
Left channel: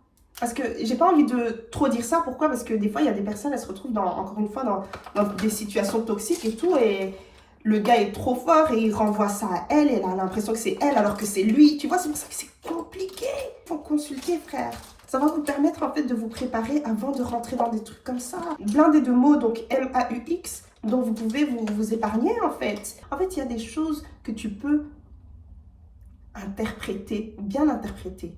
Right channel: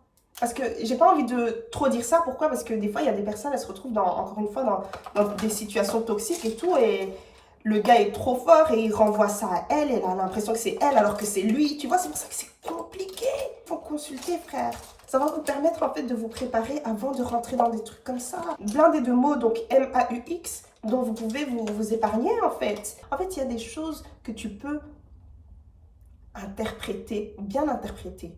Parce que j'ai pas envie de trop dire ça. Pourquoi? Parce que des fois, il y a des personnes, elles se retrouvent encore une fois, dans des situations toxiques et tout. Et le gars est trop fort et il renvoie ça à elle. Et elle a l'impression que c'est elle alors que c'est lui. Tu vois, c'est pour ça que c'est compliqué. Faut consulter, frère. Ça va vous permettre en fait de vous préparer avant de rentrer dans des trucs comme ça. Blindé de mots, donc M-A-U-X, dont vous pouvez vous épargner en fait. En fait, il y a des choses que tu peux interpréter, bien interpréter,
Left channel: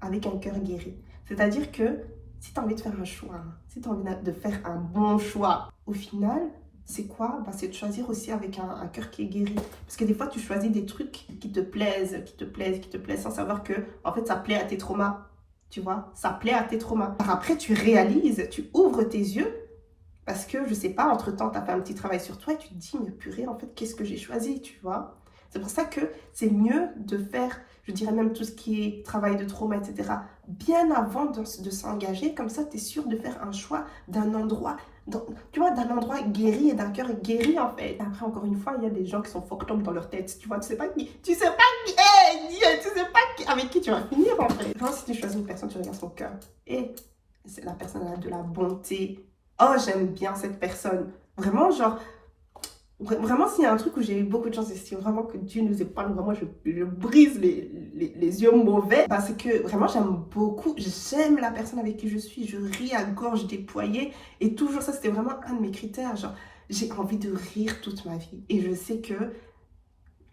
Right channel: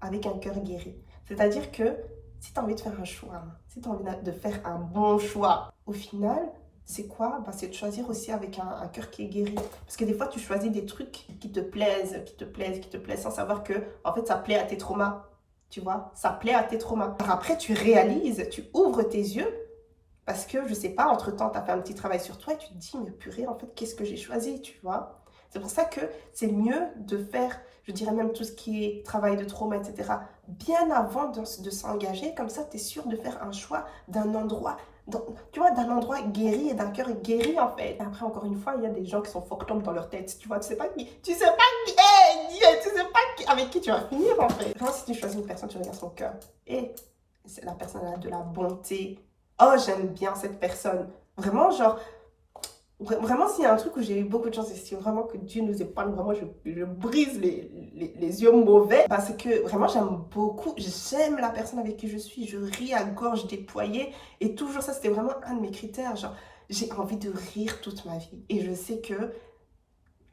avec un cœur guéri. C'est-à-dire que si tu as envie de faire un choix, si tu as envie de faire un bon choix, au final, c'est quoi? C'est de choisir aussi avec un cœur qui est guéri. Parce que des fois, tu choisis des trucs qui te plaisent, sans savoir que, en fait, ça plaît à tes traumas. Tu vois, ça plaît à tes traumas. Après, tu réalises, tu ouvres tes yeux, parce que, je sais pas, entre-temps, tu as fait un petit travail sur toi et tu te dis, mais purée, en fait, qu'est-ce que j'ai choisi, tu vois? C'est pour ça que c'est mieux de faire, je dirais même tout ce qui est travail de trauma, etc., bien avant de s'engager. Comme ça, tu es sûr de faire un choix d'un endroit, tu vois, d'un endroit guéri et d'un cœur guéri, en fait. Après, encore une fois, il y a des gens qui sont fucked up dans leur tête, tu vois, tu sais pas qui, hey, Dieu, tu sais pas avec qui tu vas finir, en fait. Enfin, si tu choisis une personne, tu regardes son cœur. Et la personne a de la bonté. Oh, j'aime bien cette personne. Vraiment, genre, vraiment, s'il y a un truc où j'ai eu beaucoup de chance, et si vraiment que Dieu nous épargne, vraiment, je brise les yeux mauvais, c'est que vraiment, j'aime la personne avec qui je suis, je ris à gorge déployée, et toujours ça, c'était vraiment un de mes critères, genre, j'ai envie de rire toute ma vie, et je sais que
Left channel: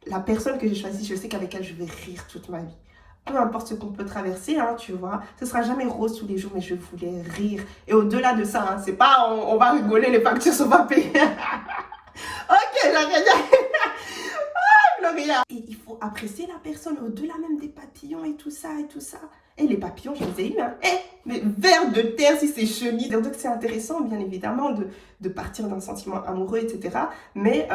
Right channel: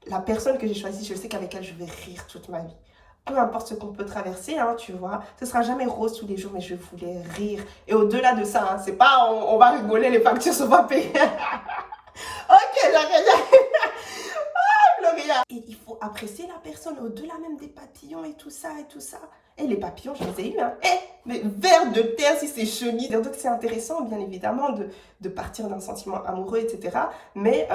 la personne que j'ai choisie, je sais qu'avec elle, je vais rire toute ma vie. Peu importe ce qu'on peut traverser, hein, tu vois, ce sera jamais rose tous les jours, mais je voulais rire. Et au-delà de ça, c'est pas on va rigoler, les factures sont pas payées. Ok, j'arrête. Gloria. Et il faut apprécier la personne au-delà même des papillons et tout ça et tout ça. Et les papillons, je les ai eus. Hein. Mais vers de terre si c'est chenille. Donc c'est intéressant, bien évidemment, de partir d'un sentiment amoureux, etc. Mais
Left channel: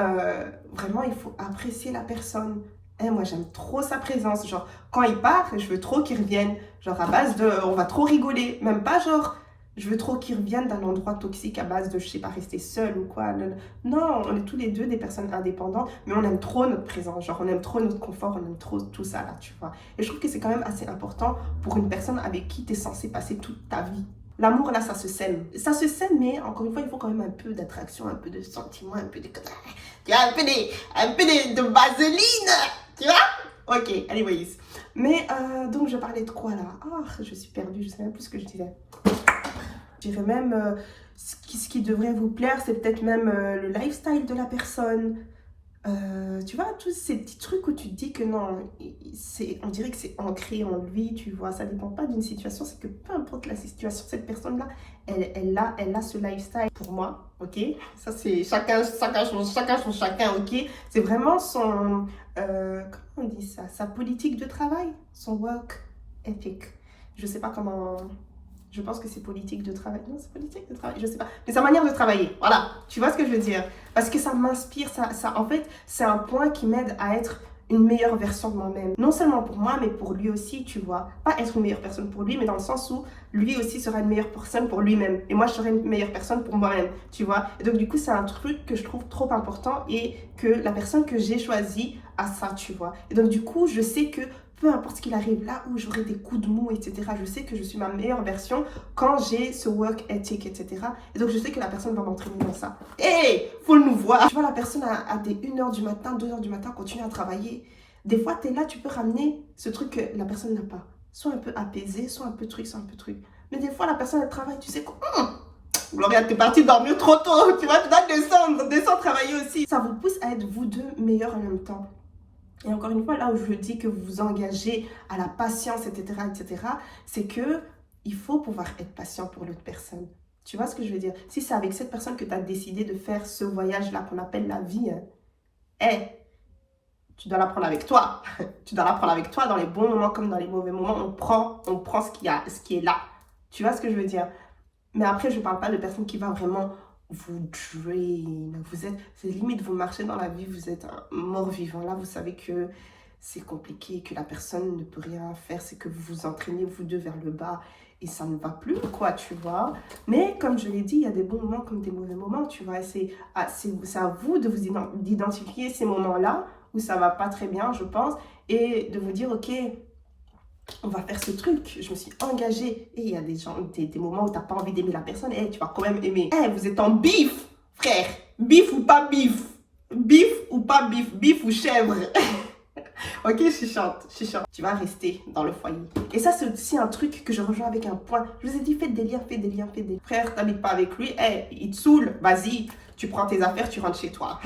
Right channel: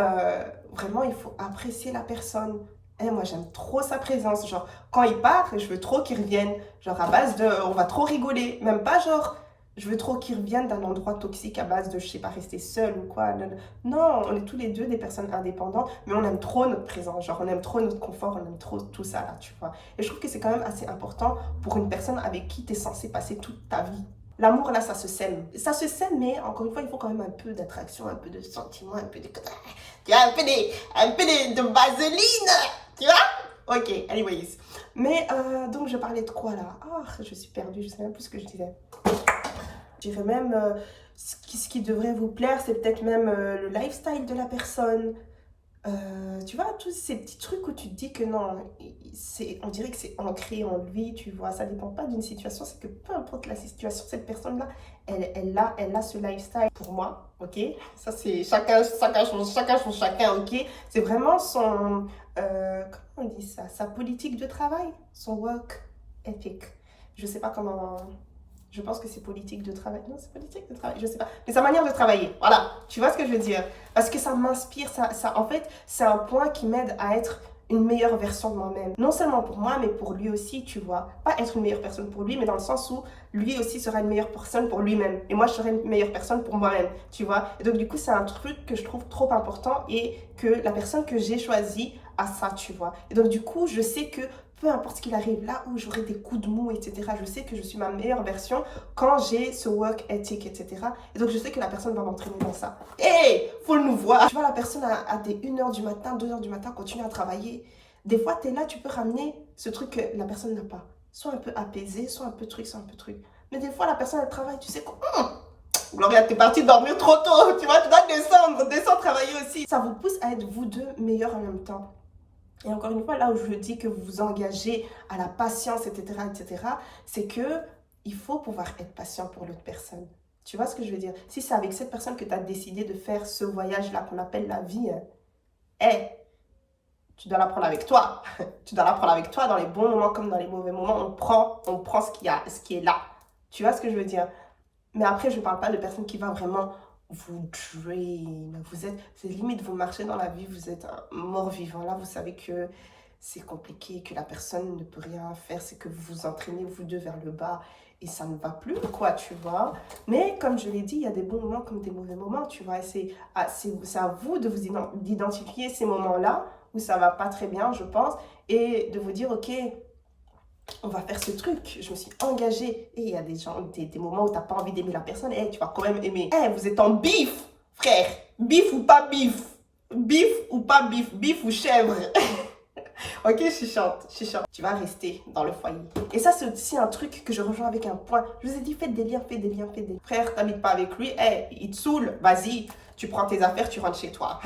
vraiment, il faut apprécier la personne. Moi, j'aime trop sa présence. Genre, quand il part, je veux trop qu'il revienne. Genre, à base de, on va trop rigoler. Même pas genre, je veux trop qu'il revienne d'un endroit toxique à base de, je sais pas, rester seul ou quoi. Non, on est tous les deux des personnes indépendantes, mais on aime trop notre présence. Genre, on aime trop notre confort, on aime trop tout ça, là, tu vois. Et je trouve que c'est quand même assez important pour une personne avec qui tu es censé passer toute ta vie. L'amour, là, ça se sème. Ça se sème, mais encore une fois, il faut quand même un peu d'attraction, un peu de sentiment, un peu de... Tu vois, un peu de vaseline, tu vois? Ok, anyways. Mais, donc, je parlais de quoi, là? Oh, je suis perdue, je sais même plus ce que je disais. Je dirais même, ce qui devrait vous plaire, c'est peut-être même le lifestyle de la personne. Tu vois, tous ces petits trucs où tu te dis que non, on dirait que c'est ancré en lui, tu vois, ça dépend pas d'une situation, c'est que peu importe la situation, cette personne-là, elle a ce lifestyle pour moi, ok? Ça, c'est chacun, ok? C'est vraiment son, comment on dit ça? Sa politique de travail, son work ethic. Je sais pas comment... Je pense que c'est politique de travail. Non, c'est politique de travail, je sais pas. Mais sa manière de travailler, voilà. Tu vois ce que je veux dire? Parce que ça m'inspire, en fait, c'est un point qui m'aide à être une meilleure version de moi-même. Non seulement pour moi, mais pour lui aussi, tu vois. Pas être une meilleure personne pour lui, mais dans le sens où lui aussi sera une meilleure personne pour lui-même. Et moi, je serai une meilleure personne pour moi-même, tu vois. Et donc, du coup, c'est un truc que je trouve trop important et que la personne que j'ai choisie a ça, tu vois. Et donc, du coup, je sais que peu importe ce qu'il arrive, là où j'aurai des coups de mou, etc., je sais que je suis ma meilleure version quand j'ai ce work ethic, etc. Et donc, je sais que la personne va m'entraîner dans ça. Hey, faut nous voir. Tu vois, la personne à des 1h du matin, 2h du matin, continue à travailler. Des fois, tu es là, tu peux ramener ce truc que la personne n'a pas. Soit un peu apaisé, soit un peu truc, soit un peu truc. Mais des fois, la personne, elle travaille, tu sais quoi, Gloria, t'es partie dormir trop tôt, tu vois, tu dois descendre travailler aussi. Ça vous pousse à être vous deux meilleurs en même temps. Et encore une fois, là où je dis que vous vous engagez à la patience, etc., c'est que il faut pouvoir être patient pour l'autre personne. Tu vois ce que je veux dire? Si c'est avec cette personne que tu as décidé de faire ce voyage-là qu'on appelle la vie, tu dois l'apprendre avec toi. Tu dois l'apprendre avec toi dans les bons moments comme dans les mauvais moments. On prend ce qui est là. Tu vois ce que je veux dire? Mais après, je ne parle pas de personne qui va vraiment vous drain. C'est limite, vous marchez dans la vie, vous êtes un mort-vivant. Là, vous savez que c'est compliqué, que la personne ne peut rien faire, c'est que vous vous entraînez vous deux vers le bas et ça ne va plus, quoi, tu vois. Mais comme je l'ai dit, il y a des bons moments comme des mauvais moments, tu vois. Et c'est à vous de vous d'identifier ces moments-là où ça va pas très bien, je pense, et de vous dire, ok, on va faire ce truc, je me suis engagée. Et il y a des gens, des moments où tu n'as pas envie d'aimer la personne, et tu vas quand même aimer. Vous êtes en bif, frère. Bif ou pas bif. Bif ou pas bif. Bif ou chèvre. Ok, chichante. Tu vas rester dans le foyer. Et ça, c'est aussi un truc que je rejoins avec un point. Je vous ai dit, faites des liens. Frère, t'habites pas avec lui, il te saoule, vas-y. Tu prends tes affaires, tu rentres chez toi.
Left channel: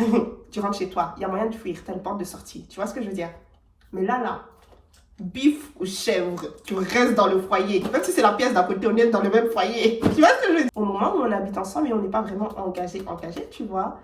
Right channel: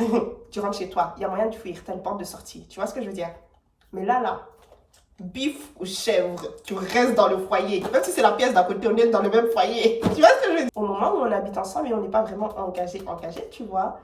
Tu rentres chez toi. Il y a moyen de fuir, t'as une porte de sortie. Tu vois ce que je veux dire? Mais là, bif ou chèvre, tu restes dans le foyer. Même si c'est la pièce d'à côté, on est dans le même foyer. Tu vois ce que je veux dire? Au moment où on habite ensemble et on n'est pas vraiment engagé, tu vois,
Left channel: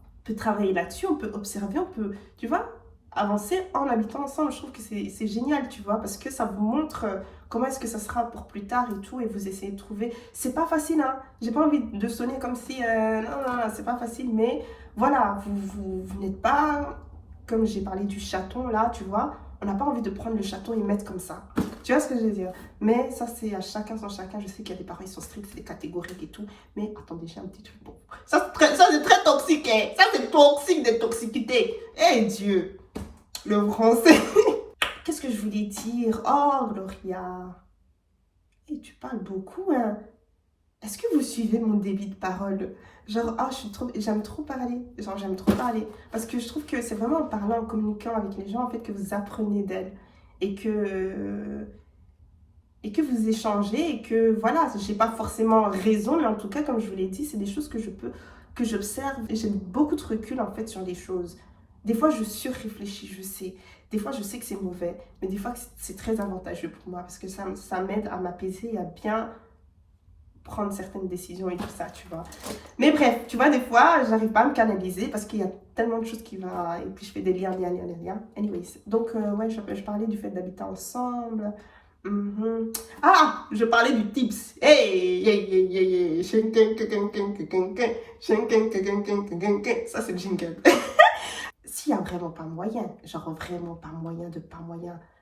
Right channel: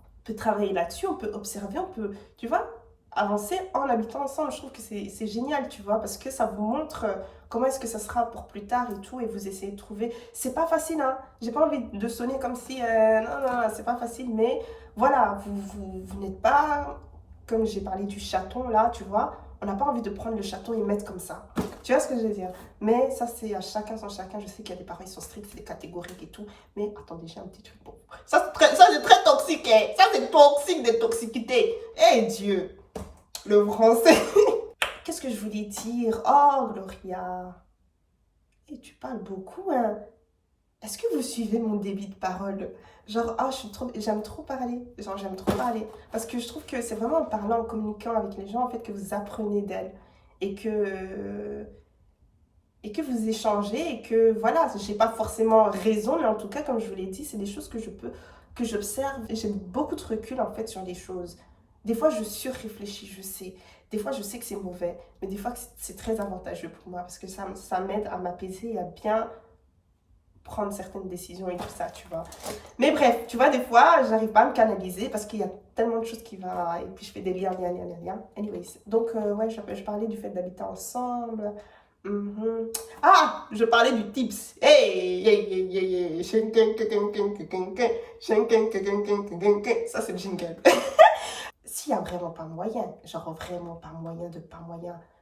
on peut travailler là-dessus, on peut observer, on peut, tu vois, avancer en habitant ensemble. Je trouve que c'est génial, tu vois, parce que ça vous montre comment est-ce que ça sera pour plus tard et tout, et vous essayez de trouver. C'est pas facile, hein. J'ai pas envie de sonner comme si, non, c'est pas facile, mais voilà, vous n'êtes pas, comme j'ai parlé du chaton là, tu vois, on n'a pas envie de prendre le chaton et mettre comme ça. Tu vois ce que je veux dire? Mais ça, c'est à chacun son chacun. Je sais qu'il y a des parents, ils sont stricts, c'est catégorique et tout. Mais attendez, j'ai un petit truc bon. Ça, c'est très toxique, hein. Ça, c'est toxique de toxicité. Eh Dieu, le français. Qu'est-ce que je voulais dire? Oh, Gloria. Et tu parles beaucoup, hein. Est-ce que vous suivez mon débit de parole? Genre, j'aime trop parler. Parce que je trouve que c'est vraiment en parlant, en communiquant avec les gens, en fait, que vous apprenez d'elles. Et que vous échangez et que, voilà, j'ai pas forcément raison, mais en tout cas, comme je vous l'ai dit, c'est des choses que j'observe et j'ai beaucoup de recul, en fait, sur les choses. Des fois, je surréfléchis, je sais. Des fois, je sais que c'est mauvais, mais des fois, c'est très avantageux pour moi parce que ça m'aide à m'apaiser et à bien prendre certaines décisions et tout ça, tu vois. Mais bref, tu vois, des fois, j'arrive pas à me canaliser parce qu'il y a tellement de choses qui vont... Et puis, je fais des liens. Anyways, donc, ouais, je parlais du fait d'habiter ensemble. Ah, je parlais du tips. Hey. Ça, c'est le jingle. S'il n'y a vraiment pas moyen, genre vraiment pas moyen,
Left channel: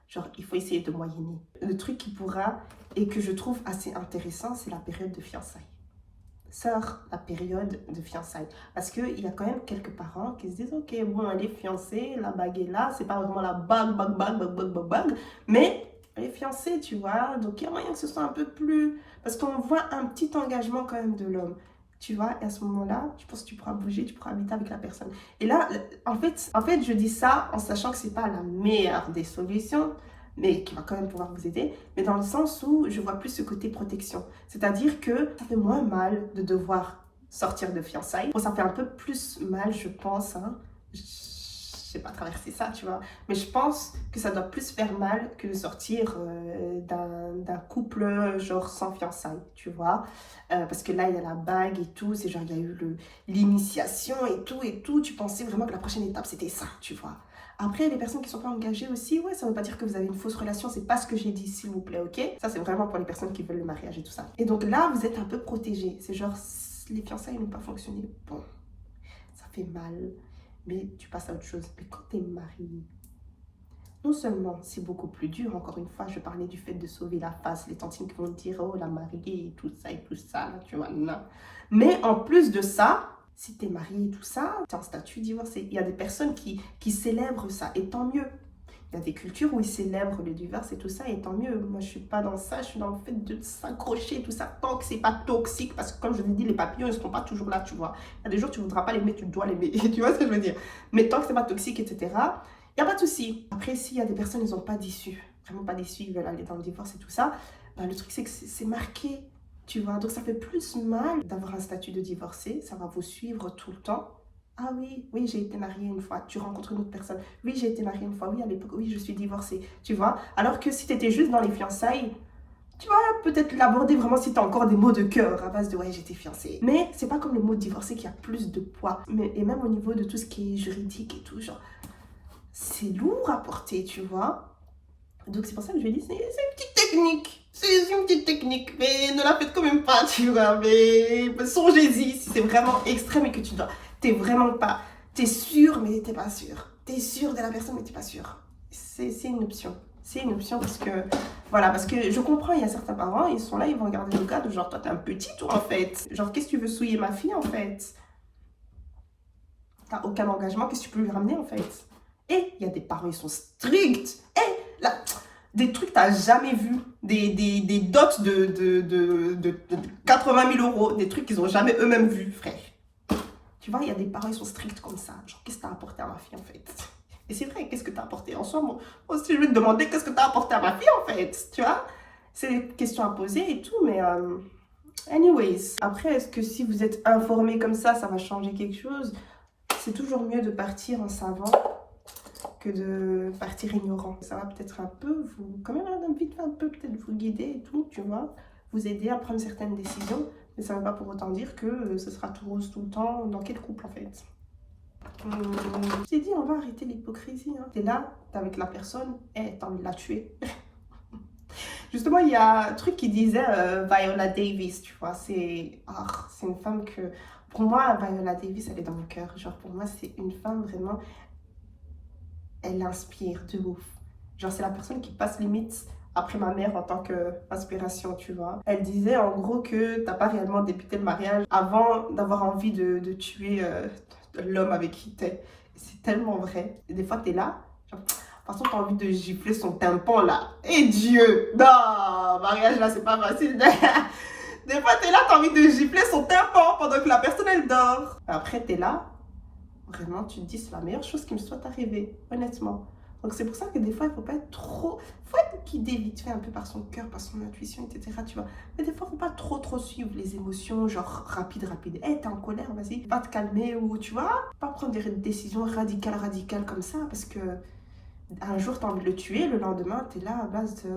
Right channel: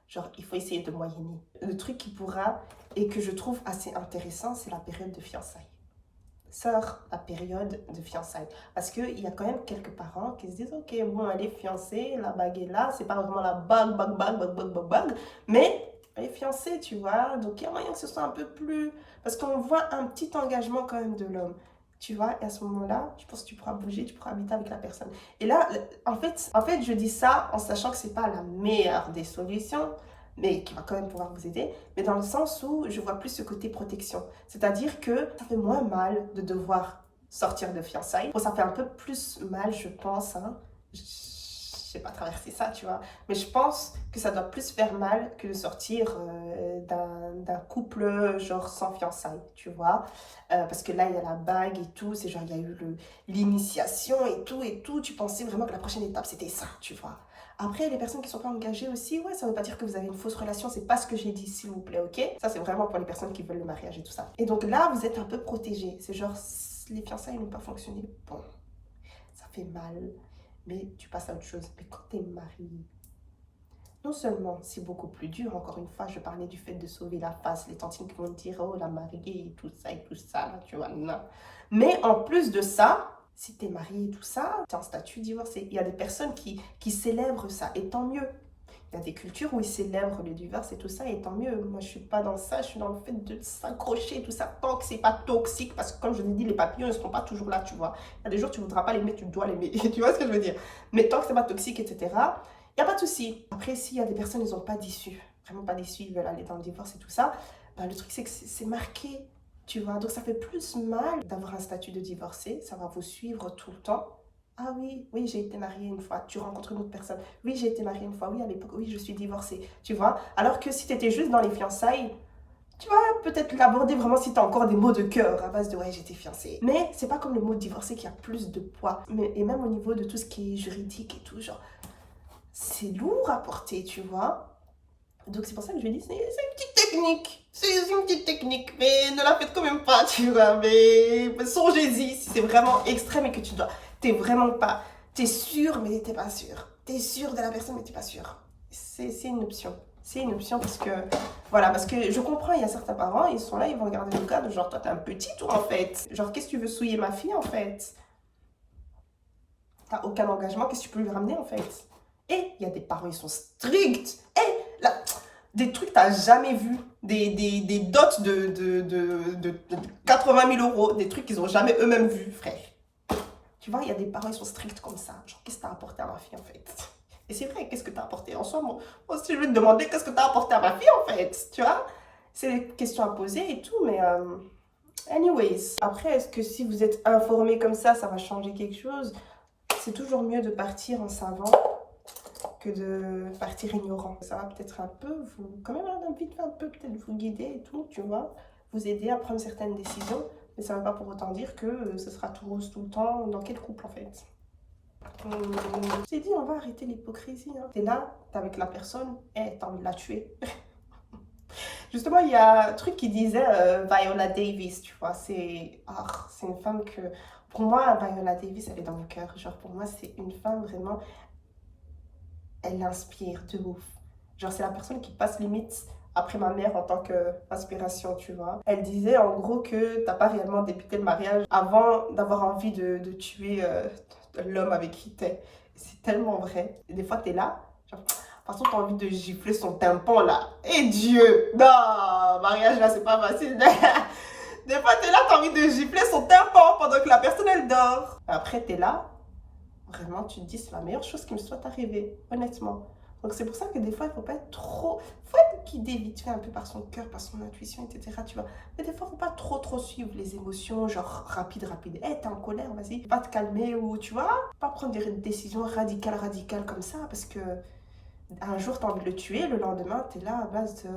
genre il faut essayer de moyenner. Le truc qui pourra et que je trouve assez intéressant, c'est la période de fiançailles. La période de fiançailles. Parce qu'il y a quand même quelques parents qui se disent, ok, bon, elle est fiancée, la bague est là, c'est pas vraiment la bague, mais elle est fiancée, tu vois, donc il y a moyen que ce soit un peu plus... Parce qu'on voit un petit engagement quand même de l'homme. Tu vois, et à ce moment-là, je pense que tu pourras bouger, tu pourras habiter avec la personne. Et là, en fait, je dis ça en sachant que c'est pas la meilleure des solutions, mais qui va quand même pouvoir vous aider, mais dans le sens où je vois plus ce côté protection. C'est-à-dire que ça fait moins mal de devoir sortir de fiançailles. Bon, ça fait un peu plus mal, je pense, hein. Je sais pas traverser ça, tu vois. Mais je pense que ça doit plus faire mal que de sortir d'un couple genre sans fiançailles, tu vois. Parce que là, il y a la bague et tout. C'est genre, il y a eu l'initiation et tout. Tu pensais vraiment que la prochaine étape, c'était ça, tu vois. Après, les personnes qui ne sont pas engagées aussi, ouais, ça ne veut pas dire que vous avez une fausse relation. C'est pas ce que j'ai dit, s'il vous plaît, ok? Ça, c'est vraiment pour les personnes qui veulent le mariage et tout ça. Et donc là, vous êtes un peu protégés. C'est genre, les fiançailles n'ont pas fonctionné. Bon, ça fait mal. Mais tu passes à autre chose. Mais quand tu es marié, non seulement c'est beaucoup plus dur, encore une fois, je parlais du fait de sauver la face, les tantines qui vont dire, oh, la mariée et tout ça, là, tu vois, non. Mais en plus de ça, si tu es marié et tout ça, tu es en statut divorcé. Il y a des personnes qui célèbrent ça, et tant mieux. Il y a des cultures où ils célèbrent le divorce et tout ça, et tant mieux. Moi, je suis pas dans ça, je suis dans le fait de s'accrocher, tout ça, tant que c'est pas toxique, parce que comme je l'ai dit, les papillons, ils seront pas toujours là, tu vois. Il y a des jours, tu voudras pas l'aimer, tu dois l'aimer, tu vois ce que je veux dire. Mais tant que c'est pas toxique, etc., il n'y a pas de souci. Après, s'il y a des personnes, ils n'ont pas d'issue, vraiment pas d'issue, ils veulent aller dans le divorce et tout ça, le truc, c'est que c'est marqué, tu vois. Donc, ça fait plus mal d'avoir un statut de divorcé, ça va vous suivre tout le temps. Ah oui, j'ai été mariée une fois. Tu rencontres une autre personne. Oui, j'ai été mariée une fois. Oui, à l'époque, oui, je suis divorcée. Tu vois? Alors que si tu étais juste dans les fiançailles, tu vois, peut-être l'aborder vraiment si tu as encore des mots de cœur à base de ouais, j'étais fiancée. Mais c'est pas comme les mots divorcés qui a plus de poids. Et même au niveau de tout ce qui est juridique et tout, genre, c'est lourd à porter, tu vois? Donc c'est pour ça que je lui dis, c'est une petite technique. C'est une petite technique, mais ne la faites quand même pas, tu vois. Mais songez-y si c'est vraiment extrême et que t'es vraiment pas, t'es sûr mais t'es pas sûr. T'es sûr de la personne mais t'es pas sûr. c'est une option. C'est une option parce que, voilà, parce que je comprends, il y a certains parents, ils sont là, ils vont regarder le cas de genre, toi, t'es un petit, toi, en fait. Genre, qu'est-ce que tu veux souiller ma fille, en fait? T'as aucun engagement, qu'est-ce que tu peux lui ramener, en fait? Et il y a des parents, ils sont stricts. Et là, des trucs que t'as jamais vu. Des dots de 80 000 euros, des trucs qu'ils ont jamais eux-mêmes vus, frère. Tu vois, il y a des parents, ils sont stricts comme ça. Genre, qu'est-ce que t'as apporté à ma fille, en fait? Et c'est vrai, qu'est-ce que t'as apporté en soi? Moi aussi, je vais te demander qu'est-ce que t'as apporté à ma fille, en fait. Tu vois? C'est des questions à poser et tout, mais... anyways. Après, est-ce que si vous êtes informé comme ça va changer quelque chose? C'est toujours mieux de partir en savant que de partir ignorant. Ça va peut-être un peu, vous, quand même, vite un peu peut-être vous guider et tout, tu vois, vous aider à prendre certaines décisions, mais ça ne veut pas pour autant dire que ce sera tout rose tout le temps. Dans quel couple, en fait? J'ai dit, on va arrêter l'hypocrisie. Hein. T'es là, t'es avec la personne, et t'as envie de la tuer. Justement, il y a un truc qui disait Viola Davis, tu vois, c'est une femme que, pour moi, Viola Davis, elle est dans le cœur. Genre, pour moi, c'est une femme vraiment, elle inspire de ouf. Genre, c'est la personne qui passe limite après ma mère en tant qu'inspiration, tu vois. Elle disait en gros que t'as pas réellement débuté le mariage avant d'avoir envie de tuer l'homme avec qui t'es. C'est tellement vrai. Et des fois, t'es là, genre, de toute façon, t'as envie de gifler son tympan là. Et Dieu! Non! Mariage là, c'est pas facile. Des fois, t'es là, t'as envie de gifler son tympan pendant que la personne elle dort. Après, t'es là, vraiment, tu te dis, c'est la meilleure chose qui me soit arrivée, honnêtement. Donc, c'est pour ça que des fois, il faut pas être trop. Il faut être guidé vite fait un peu par son cœur, par son intuition, etc. Tu vois. Mais des fois, il faut pas trop suivre les émotions, genre rapide. Hey, t'es en colère, vas-y, va te calmer, ou tu vois. Pas prendre des décisions radicales comme ça, parce que un jour, t'as envie de le tuer, le lendemain, t'es là à base de.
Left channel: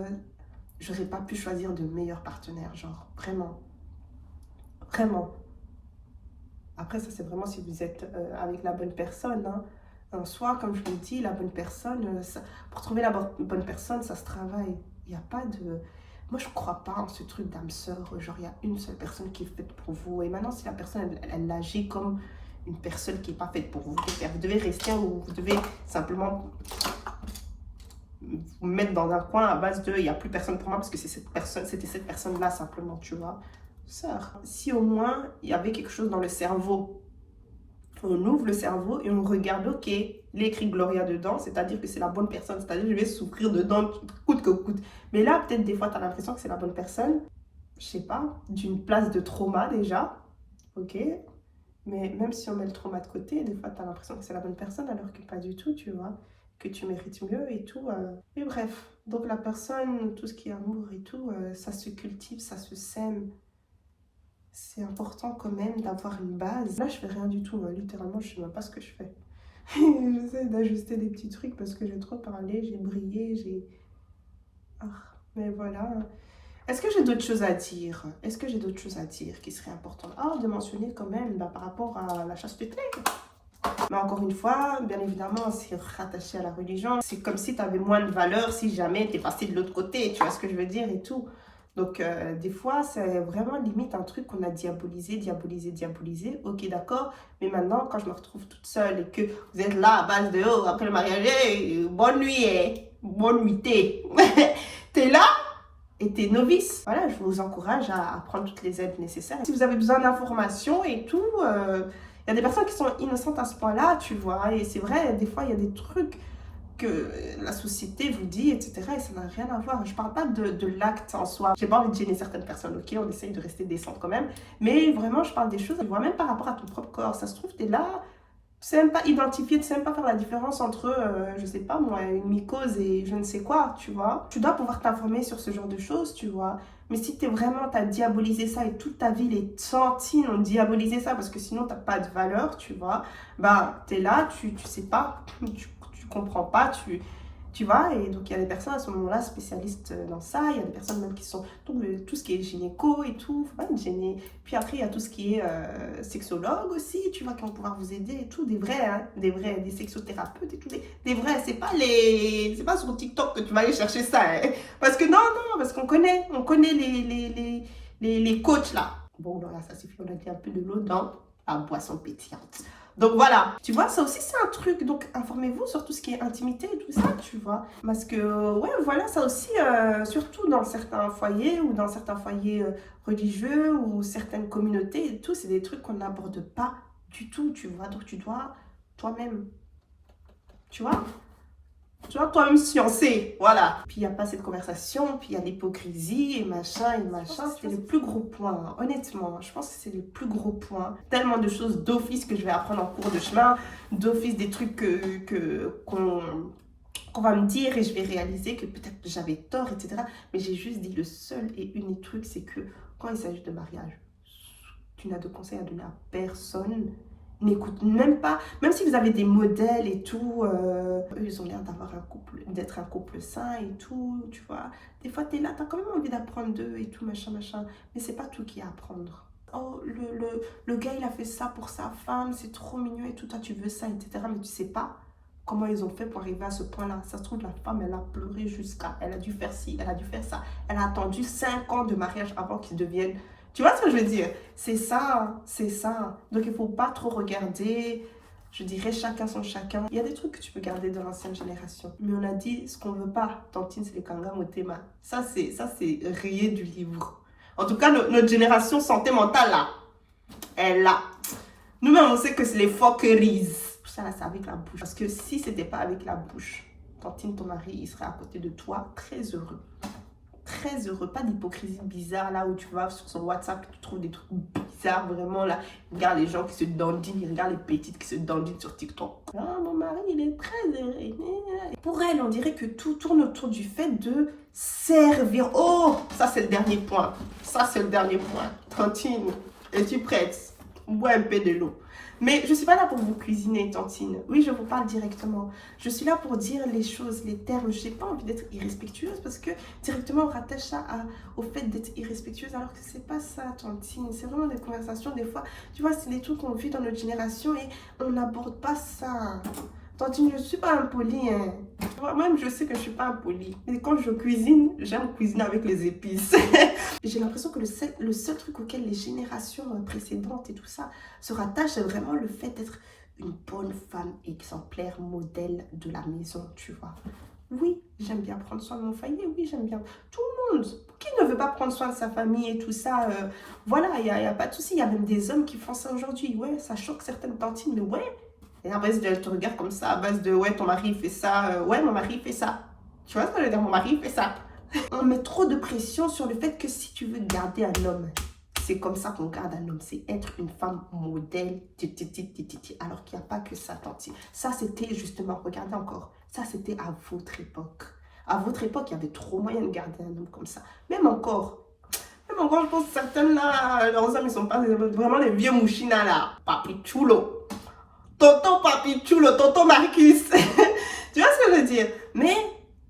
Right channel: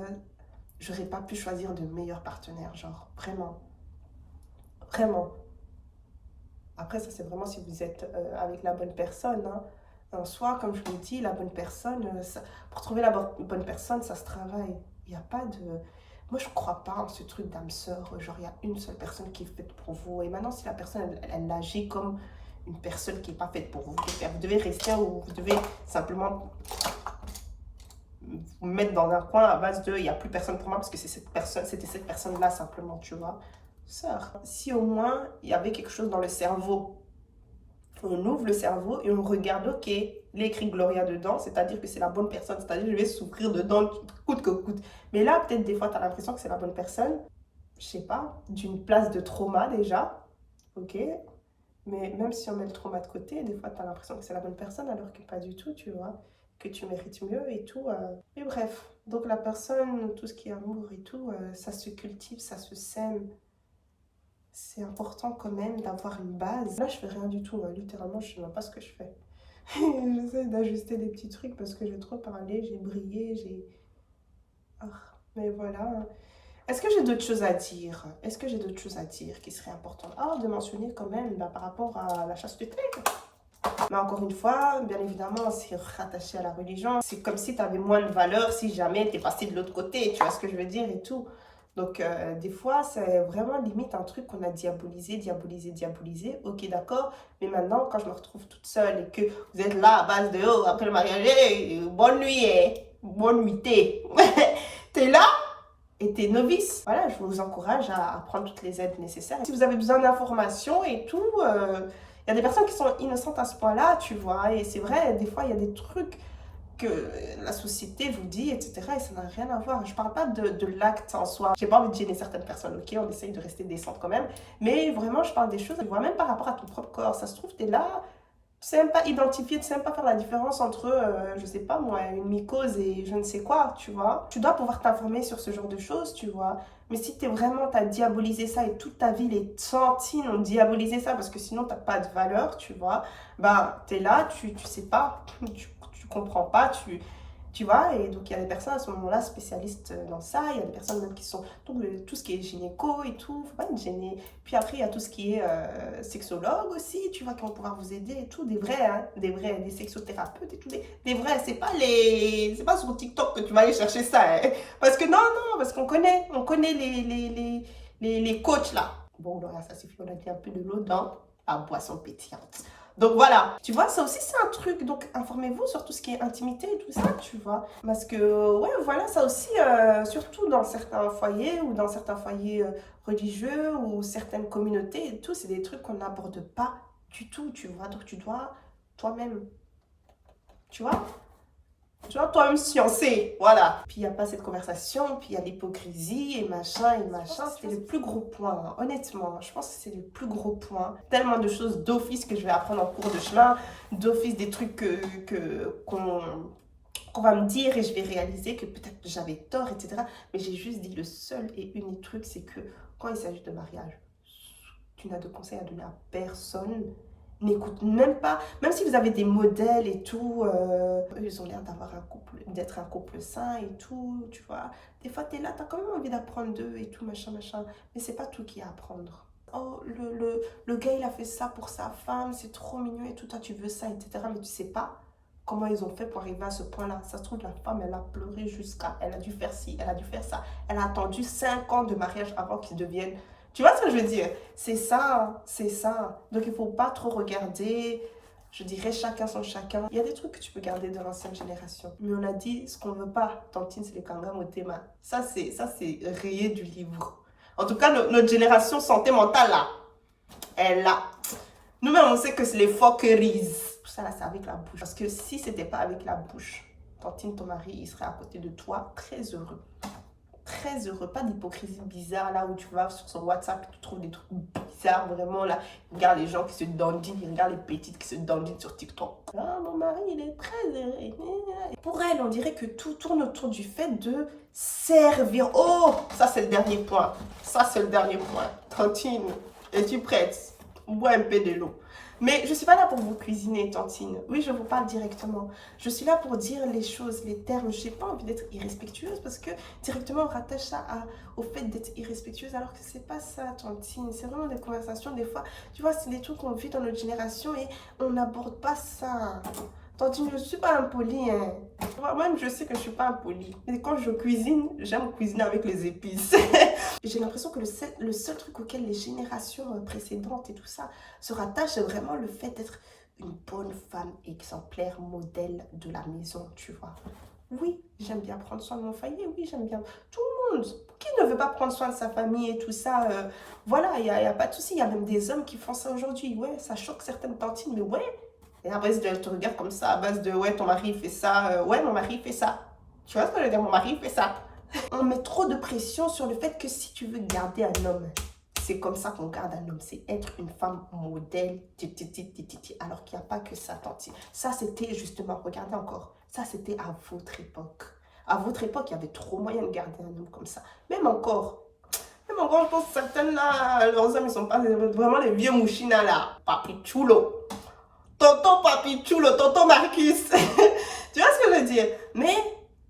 J'aurais pas pu choisir de meilleur partenaire, genre, vraiment. Vraiment. Après, ça, c'est vraiment si vous êtes avec la bonne personne. Hein. En soi, comme je vous le dis, la bonne personne, pour trouver la bonne personne, ça se travaille. Il n'y a pas de... Moi, je ne crois pas en ce truc d'âme sœur. Genre, il y a une seule personne qui est faite pour vous. Et maintenant, si la personne, elle agit comme une personne qui n'est pas faite pour vous, vous devez rester où vous devez simplement vous mettre dans un coin à base de il n'y a plus personne pour moi parce que c'était cette personne-là simplement, tu vois. Sœur, si au moins il y avait quelque chose dans le cerveau, on ouvre le cerveau et on regarde, ok, il est écrit Gloria dedans, c'est-à-dire que c'est la bonne personne, c'est-à-dire que je vais souffrir dedans coûte que coûte. Mais là, peut-être des fois, tu as l'impression que c'est la bonne personne, je sais pas, d'une place de trauma déjà, ok. Mais même si on met le trauma de côté, des fois, tu as l'impression que c'est la bonne personne alors que pas du tout, tu vois, que tu mérites mieux et tout. Mais bref, donc la personne, tout ce qui est amour et tout, ça se cultive, ça se sème. C'est important quand même d'avoir une base. Là, je fais rien du tout. Hein. Littéralement, je sais même pas ce que je fais. J'essaie d'ajuster des petits trucs parce que j'ai trop parlé, j'ai brillé, j'ai... Ah, mais voilà. Est-ce que j'ai d'autres choses à dire? Est-ce que j'ai d'autres choses à dire qui seraient importantes? Ah, de mentionner quand même par rapport à la chasteté. Mais encore une fois, bien évidemment, c'est rattaché à la religion. C'est comme si tu avais moins de valeur si jamais tu es passé de l'autre côté. Tu vois ce que je veux dire et tout. Donc, des fois, c'est vraiment limite un truc qu'on a diabolisé. Ok, d'accord. Mais maintenant, quand je me retrouve toute seule et que vous êtes là à base de oh, après le mariage, hey, bonne nuit, bonne nuitée. T'es là et t'es novice. Voilà, je vous encourage à prendre toutes les aides nécessaires. Si vous avez besoin d'informations et tout, il y a des personnes qui sont innocentes à ce point-là, tu vois. Et c'est vrai, des fois, il y a des trucs que la société vous dit, etc. Et ça n'a rien à voir. Je parle pas de l'acte en soi. J'ai pas envie de gêner certaines personnes, ok? On essaye de rester décente quand même. Mais vraiment, je parle des choses, tu vois, même par rapport à ton propre corps. Ça se trouve, t'es là, tu sais même pas identifier, tu sais même pas faire la différence entre, je sais pas moi, une mycose et je ne sais quoi, tu vois. Tu dois pouvoir t'informer sur ce genre de choses, tu vois. Mais si t'as diabolisé ça et toute ta vie, les centimes ont diabolisé ça parce que sinon t'as pas de valeur, tu vois, ben t'es là, tu sais pas, tu comprends pas, tu vois, et donc il y a des personnes à ce moment-là spécialistes dans ça, il y a des personnes même qui sont, donc tout ce qui est gynéco et tout, faut pas être gêné. Puis après il y a tout ce qui est sexologue aussi, tu vois, qui vont pouvoir vous aider et tout, des vrais, hein, des sexothérapeutes et tout, des vrais, c'est pas sur TikTok que tu vas aller chercher ça, hein. Parce que non, parce qu'on connaît les coachs là. Bon, là, ça suffit, on a dit un peu de l'eau dans la boisson pétillante. Donc voilà, tu vois, ça aussi c'est un truc. Donc informez-vous sur tout ce qui est intimité et tout ça, tu vois. Parce que, ouais, voilà, ça aussi, surtout dans certains foyers ou dans certains foyers religieux ou certaines communautés et tout, c'est des trucs qu'on n'aborde pas du tout, tu vois. Donc tu dois toi-même, tu vois. Tu vois, toi-même sciencer, voilà. Puis il n'y a pas cette conversation, puis il y a l'hypocrisie et machin, c'est les plus gros points, hein. Honnêtement. Je pense que c'est les plus gros points. Tellement de choses d'office que je vais apprendre en cours de chemin, d'office des trucs qu'on va me dire et je vais réaliser que peut-être j'avais tort, etc. Mais j'ai juste dit le seul et unique truc, c'est que quand il s'agit de mariage, tu n'as de conseils à donner à personne. N'écoute même pas, même si vous avez des modèles et tout, eux, ils ont l'air d'avoir un couple, d'être un couple sain et tout, tu vois. Des fois, tu es là, tu as quand même envie d'apprendre d'eux et tout, machin, machin. Mais c'est pas tout qui est à apprendre. Oh, le gars, il a fait ça pour sa femme, c'est trop mignon et tout, toi, tu veux ça, etc. Mais tu sais pas comment ils ont fait pour arriver à ce point-là. Ça se trouve, la femme, elle a pleuré jusqu'à, elle a dû faire ci, elle a dû faire ça. Elle a attendu 5 ans de mariage avant qu'ils deviennent. Tu vois ce que je veux dire? C'est ça, c'est ça. Donc il ne faut pas trop regarder, je dirais chacun son chacun. Il y a des trucs que tu peux garder de l'ancienne génération. Mais on a dit ce qu'on ne veut pas. Tantine, c'est le kanga motema. Ça, c'est rayé du livre. En tout cas, notre génération santé mentale, là, elle là. Nous-mêmes, on sait que c'est les fuckeries. Tout ça, là, c'est avec la bouche. Parce que si c'était pas avec la bouche, Tantine, ton mari, il serait à côté de toi, très heureux. Très heureux, pas d'hypocrisie bizarre là où tu vas sur son WhatsApp et tu trouves des trucs bizarres vraiment là. Il regarde les gens qui se dandinent, il regarde les petites qui se dandinent sur TikTok. Ah, mon mari il est très heureux. Pour elle, on dirait que tout tourne autour du fait de servir. Oh, ça c'est le dernier point. Ça c'est le dernier point. Tantine, es-tu prête? Bois un peu de l'eau. Mais je ne suis pas là pour vous cuisiner, Tantine. Oui, je vous parle directement. Je suis là pour dire les choses, les termes. Je n'ai pas envie d'être irrespectueuse parce que directement on rattache ça au fait d'être irrespectueuse alors que c'est pas ça, Tantine. C'est vraiment des conversations, des fois, tu vois, c'est des trucs qu'on vit dans notre génération et on n'aborde pas ça. Tantine, je ne suis pas impolie, hein. Même je sais que je ne suis pas impolie. Mais quand je cuisine, j'aime cuisiner avec les épices. J'ai l'impression que le seul truc auquel les générations précédentes et tout ça se rattachent, c'est vraiment le fait d'être une bonne femme exemplaire, modèle de la maison, tu vois. Oui, j'aime bien prendre soin de mon foyer, oui, j'aime bien. Tout le monde, qui ne veut pas prendre soin de sa famille et tout ça, voilà, il n'y a pas de souci. Il y a même des hommes qui font ça aujourd'hui. Ouais, ça choque certaines tantines, mais ouais. Et après, elle te regarde comme ça, à base de, ouais, ton mari fait ça, ouais, mon mari fait ça. Tu vois ce que je veux dire, mon mari fait ça. On met trop de pression sur le fait que si tu veux garder un homme, c'est comme ça qu'on garde un homme, c'est être une femme modèle, alors qu'il n'y a pas que ça, tantine. Ça, c'était justement, regardez encore, ça, c'était à votre époque. À votre époque, il y avait trop moyen de garder un homme comme ça. Même encore, je pense que certaines là, leurs hommes, ils sont pas vraiment les vieux mouchinas là. Papi chulo. Tonton Papi chulo, tonton Marcus. Tu vois ce que je veux dire? Mais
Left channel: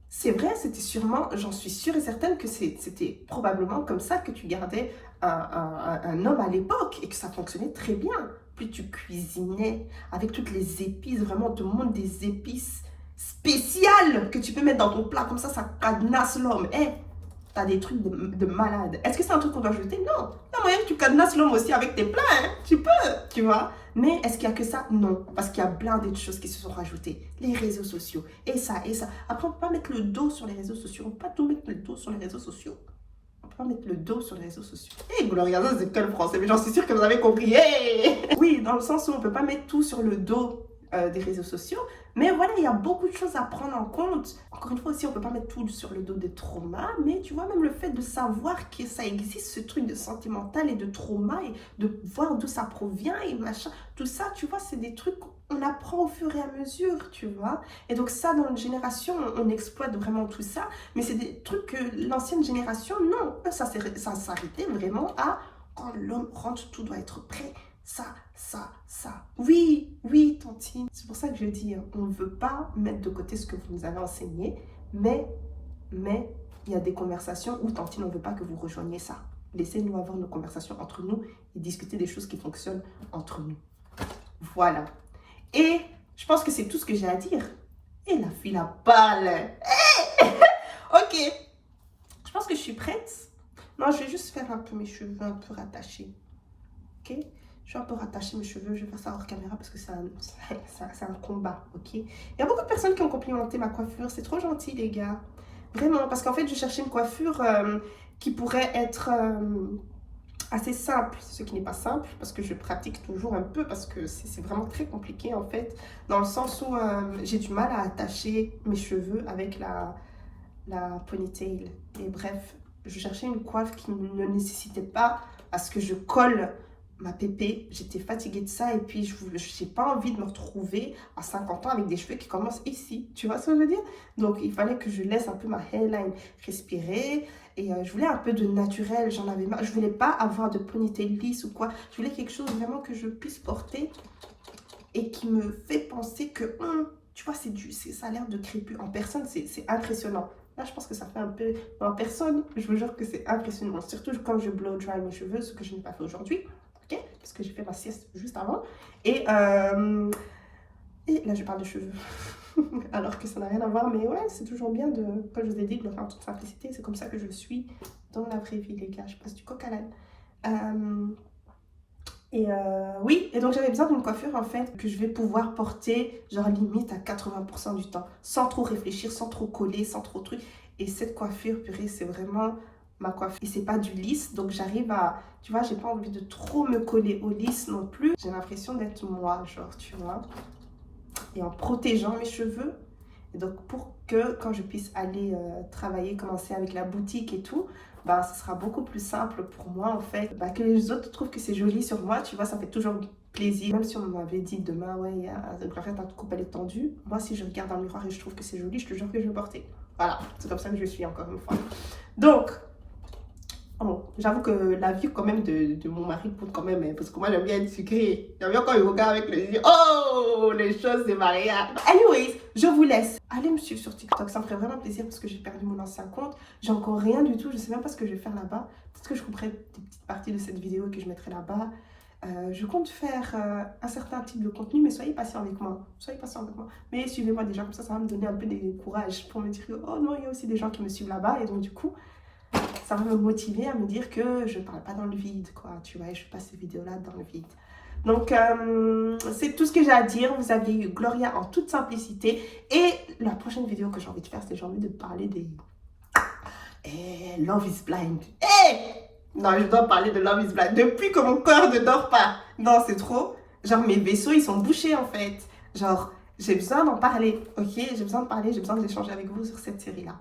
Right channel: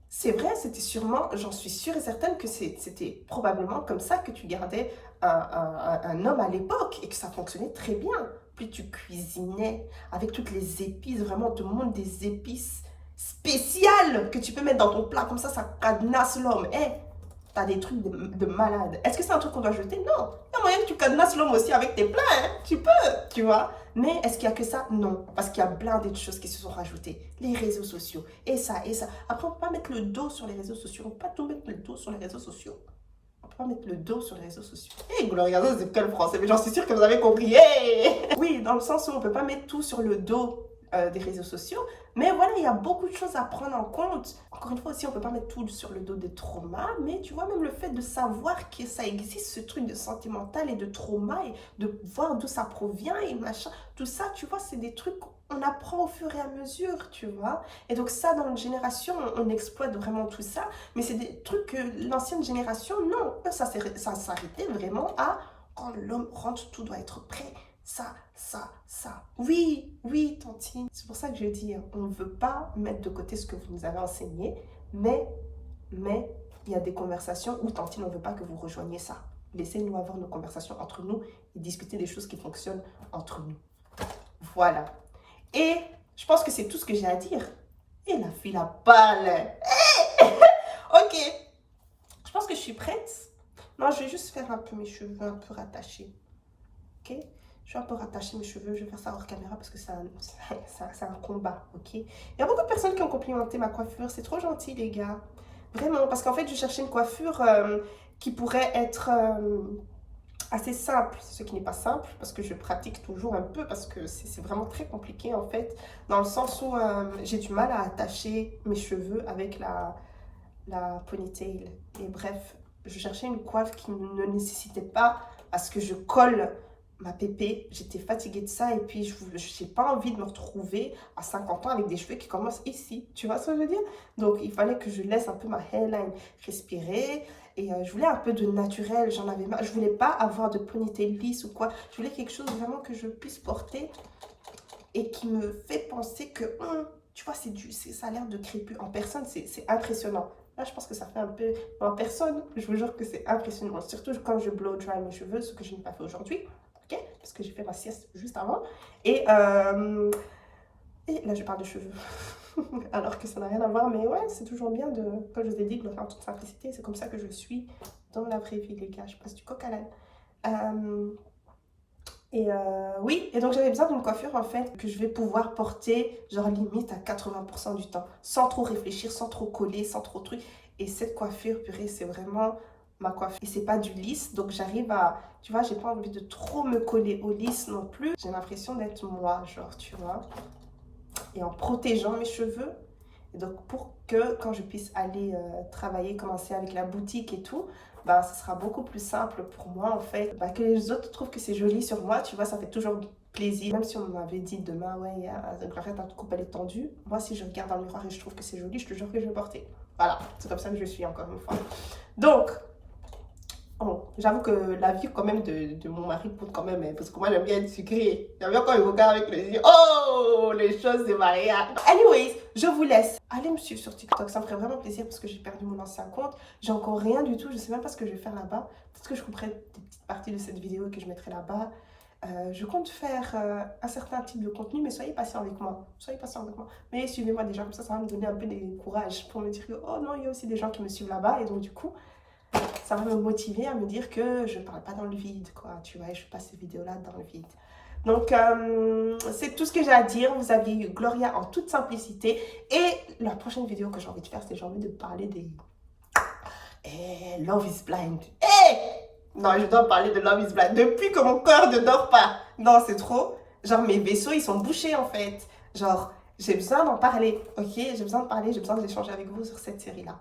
c'est vrai, c'était sûrement, j'en suis sûre et certaine que c'était probablement comme ça que tu gardais un homme à l'époque et que ça fonctionnait très bien. Plus tu cuisinais avec toutes les épices, vraiment, on te montre des épices spéciales que tu peux mettre dans ton plat, comme ça cadenasse l'homme. Eh, t'as des trucs de malade. Est-ce que c'est un truc qu'on doit jeter? Non. Il y a moyen que tu cadenasses l'homme aussi avec tes plats, hein. Tu peux, tu vois. Mais est-ce qu'il n'y a que ça? Non. Parce qu'il y a plein d'autres choses qui se sont rajoutées. Les réseaux sociaux. Et ça, et ça. Après, on ne peut pas mettre le dos sur les réseaux sociaux. On ne peut pas tout mettre le dos sur les réseaux sociaux. On ne peut pas mettre le dos sur les réseaux sociaux. Hey, vous le regardez, c'est quel français? Mais j'en suis sûre que vous avez compris. Hey. Oui, dans le sens où on ne peut pas mettre tout sur le dos des réseaux sociaux. Mais voilà, il y a beaucoup de choses à prendre en compte. Encore une fois aussi, on ne peut pas mettre tout sur le dos des traumas, mais tu vois, même le fait de savoir que ça existe, ce truc de sentimental et de trauma, et de voir d'où ça provient et machin, tout ça, tu vois, c'est des trucs qu'on apprend au fur et à mesure, tu vois. Et donc ça, dans notre génération, on exploite vraiment tout ça, mais c'est des trucs que l'ancienne génération, non, ça s'arrêtait vraiment à quand l'homme rentre, tout doit être prêt. Ça. Oui, tantine. C'est pour ça que je dis, on ne veut pas mettre de côté ce que vous nous avez enseigné, mais il y a des conversations où, tantine, on ne veut pas que vous rejoigniez ça. Laissez-nous avoir nos conversations entre nous et discuter des choses qui fonctionnent entre nous. Voilà. Et je pense que c'est tout ce que j'ai à dire. Et la fille la balle. Ok. Je pense que je suis prête. Non, je vais juste faire un peu mes cheveux un peu rattachés. Ok. Je vais un peu rattacher mes cheveux, je vais faire ça hors caméra parce que c'est un combat, ok? Il y a beaucoup de personnes qui ont complimenté ma coiffure, c'est trop gentil les gars. Vraiment, parce qu'en fait, je cherchais une coiffure qui pourrait être assez simple, ce qui n'est pas simple parce que je pratique toujours un peu parce que c'est vraiment très compliqué en fait, dans le sens où j'ai du mal à attacher mes cheveux avec la ponytail. Et bref, je cherchais une coiffe qui ne nécessitait pas à ce que je colle ma pépé. J'étais fatiguée de ça et puis je n'ai pas envie de me retrouver à 50 ans avec des cheveux qui commencent ici. Tu vois ce que je veux dire? Donc il fallait que je laisse un peu ma hairline respirer. Et je voulais un peu de naturel, j'en avais marre. Je voulais pas avoir de ponytail lisse ou quoi. Je voulais quelque chose vraiment que je puisse porter et qui me fait penser que, tu vois, ça a l'air de crépus. En personne, c'est impressionnant. Là, je pense que ça fait un peu... En personne, je vous jure que c'est impressionnant. Surtout quand je blow dry mes cheveux, ce que je n'ai pas fait aujourd'hui. Ok? Parce que j'ai fait ma sieste juste avant. Et là, je parle de cheveux. Alors que ça n'a rien à voir, mais ouais, c'est toujours bien de, comme je vous ai dit, de le faire en toute simplicité. C'est comme ça que je suis dans la vraie vie, les gars. Je passe du coq à l'âne. Oui, et donc j'avais besoin d'une coiffure en fait que je vais pouvoir porter genre limite à 80% du temps, sans trop réfléchir, sans trop coller, sans trop truc. Et cette coiffure, purée, c'est vraiment ma coiffure. Et c'est pas du lisse, donc j'arrive à, tu vois, j'ai pas envie de trop me coller au lisse non plus. J'ai l'impression d'être moi, genre, tu vois. Et en protégeant mes cheveux. Et donc pour que quand je puisse aller travailler, commencer avec la boutique et tout, bah, ça sera beaucoup plus simple pour moi en fait. Bah, que les autres trouvent que c'est joli sur moi, tu vois, ça fait toujours plaisir. Même si on m'avait dit demain, ouais, arrête, ta coupe elle est tendue. Moi, si je regarde dans le miroir et je trouve que c'est joli, je te jure que je vais porter. Voilà, c'est comme ça que je suis encore une fois. Donc, oh, j'avoue que la vie quand même de mon mari compte quand même, hein, parce que moi j'aime bien être sucrée. J'aime bien quand il regarde avec le yeux, oh, les choses de mariage. Anyways, je vous laisse. Allez me suivre sur TikTok, ça me ferait vraiment plaisir parce que j'ai perdu mon ancien compte. J'ai encore rien du tout, je sais même pas ce que je vais faire là-bas. Peut-être que je couperai des petites parties de cette vidéo et que je mettrai là-bas. Je compte faire un certain type de contenu, mais soyez patient avec moi. Soyez patient avec moi. Mais suivez-moi déjà, comme ça va me donner un peu de courage pour me dire que, oh non, il y a aussi des gens qui me suivent là-bas. Et donc du coup, ça va me motiver à me dire que je ne parle pas dans le vide, quoi, tu vois, et je fais pas ces vidéos-là dans le vide. Donc, c'est tout ce que j'ai à dire. Vous avez eu Gloria en toute simplicité. Et la prochaine vidéo que j'ai envie de faire, c'est j'ai envie de parler des... Love is Blind. Non, je dois parler de Love is Blind. Depuis que mon cœur ne dort pas. Non, c'est trop. Genre, mes vaisseaux, ils sont bouchés, en fait. Genre, j'ai besoin d'en parler, ok? J'ai besoin de parler, j'ai besoin d'échanger avec vous sur cette série-là.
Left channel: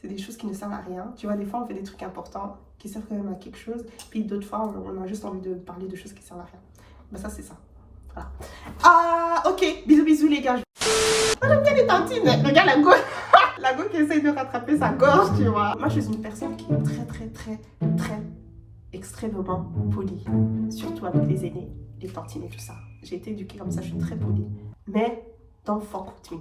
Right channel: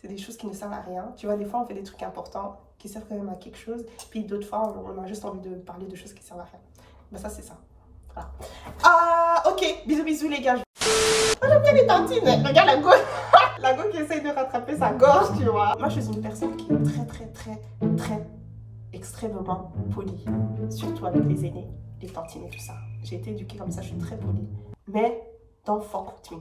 C'est des choses qui ne servent à rien. Tu vois, des fois, on fait des trucs importants qui servent quand même à quelque chose. Puis d'autres fois, on a juste envie de parler de choses qui servent à rien. Ben ça, c'est ça. Voilà. Ah, ok. Bisous, bisous, les gars. Oh, j'aime bien les tantines. Regarde la go. La go qui essaye de rattraper sa gorge, tu vois. Moi, je suis une personne qui est très extrêmement polie. Surtout avec les aînés, les tantines et tout ça. J'ai été éduquée comme ça, je suis très polie. Mais don't fuck with me.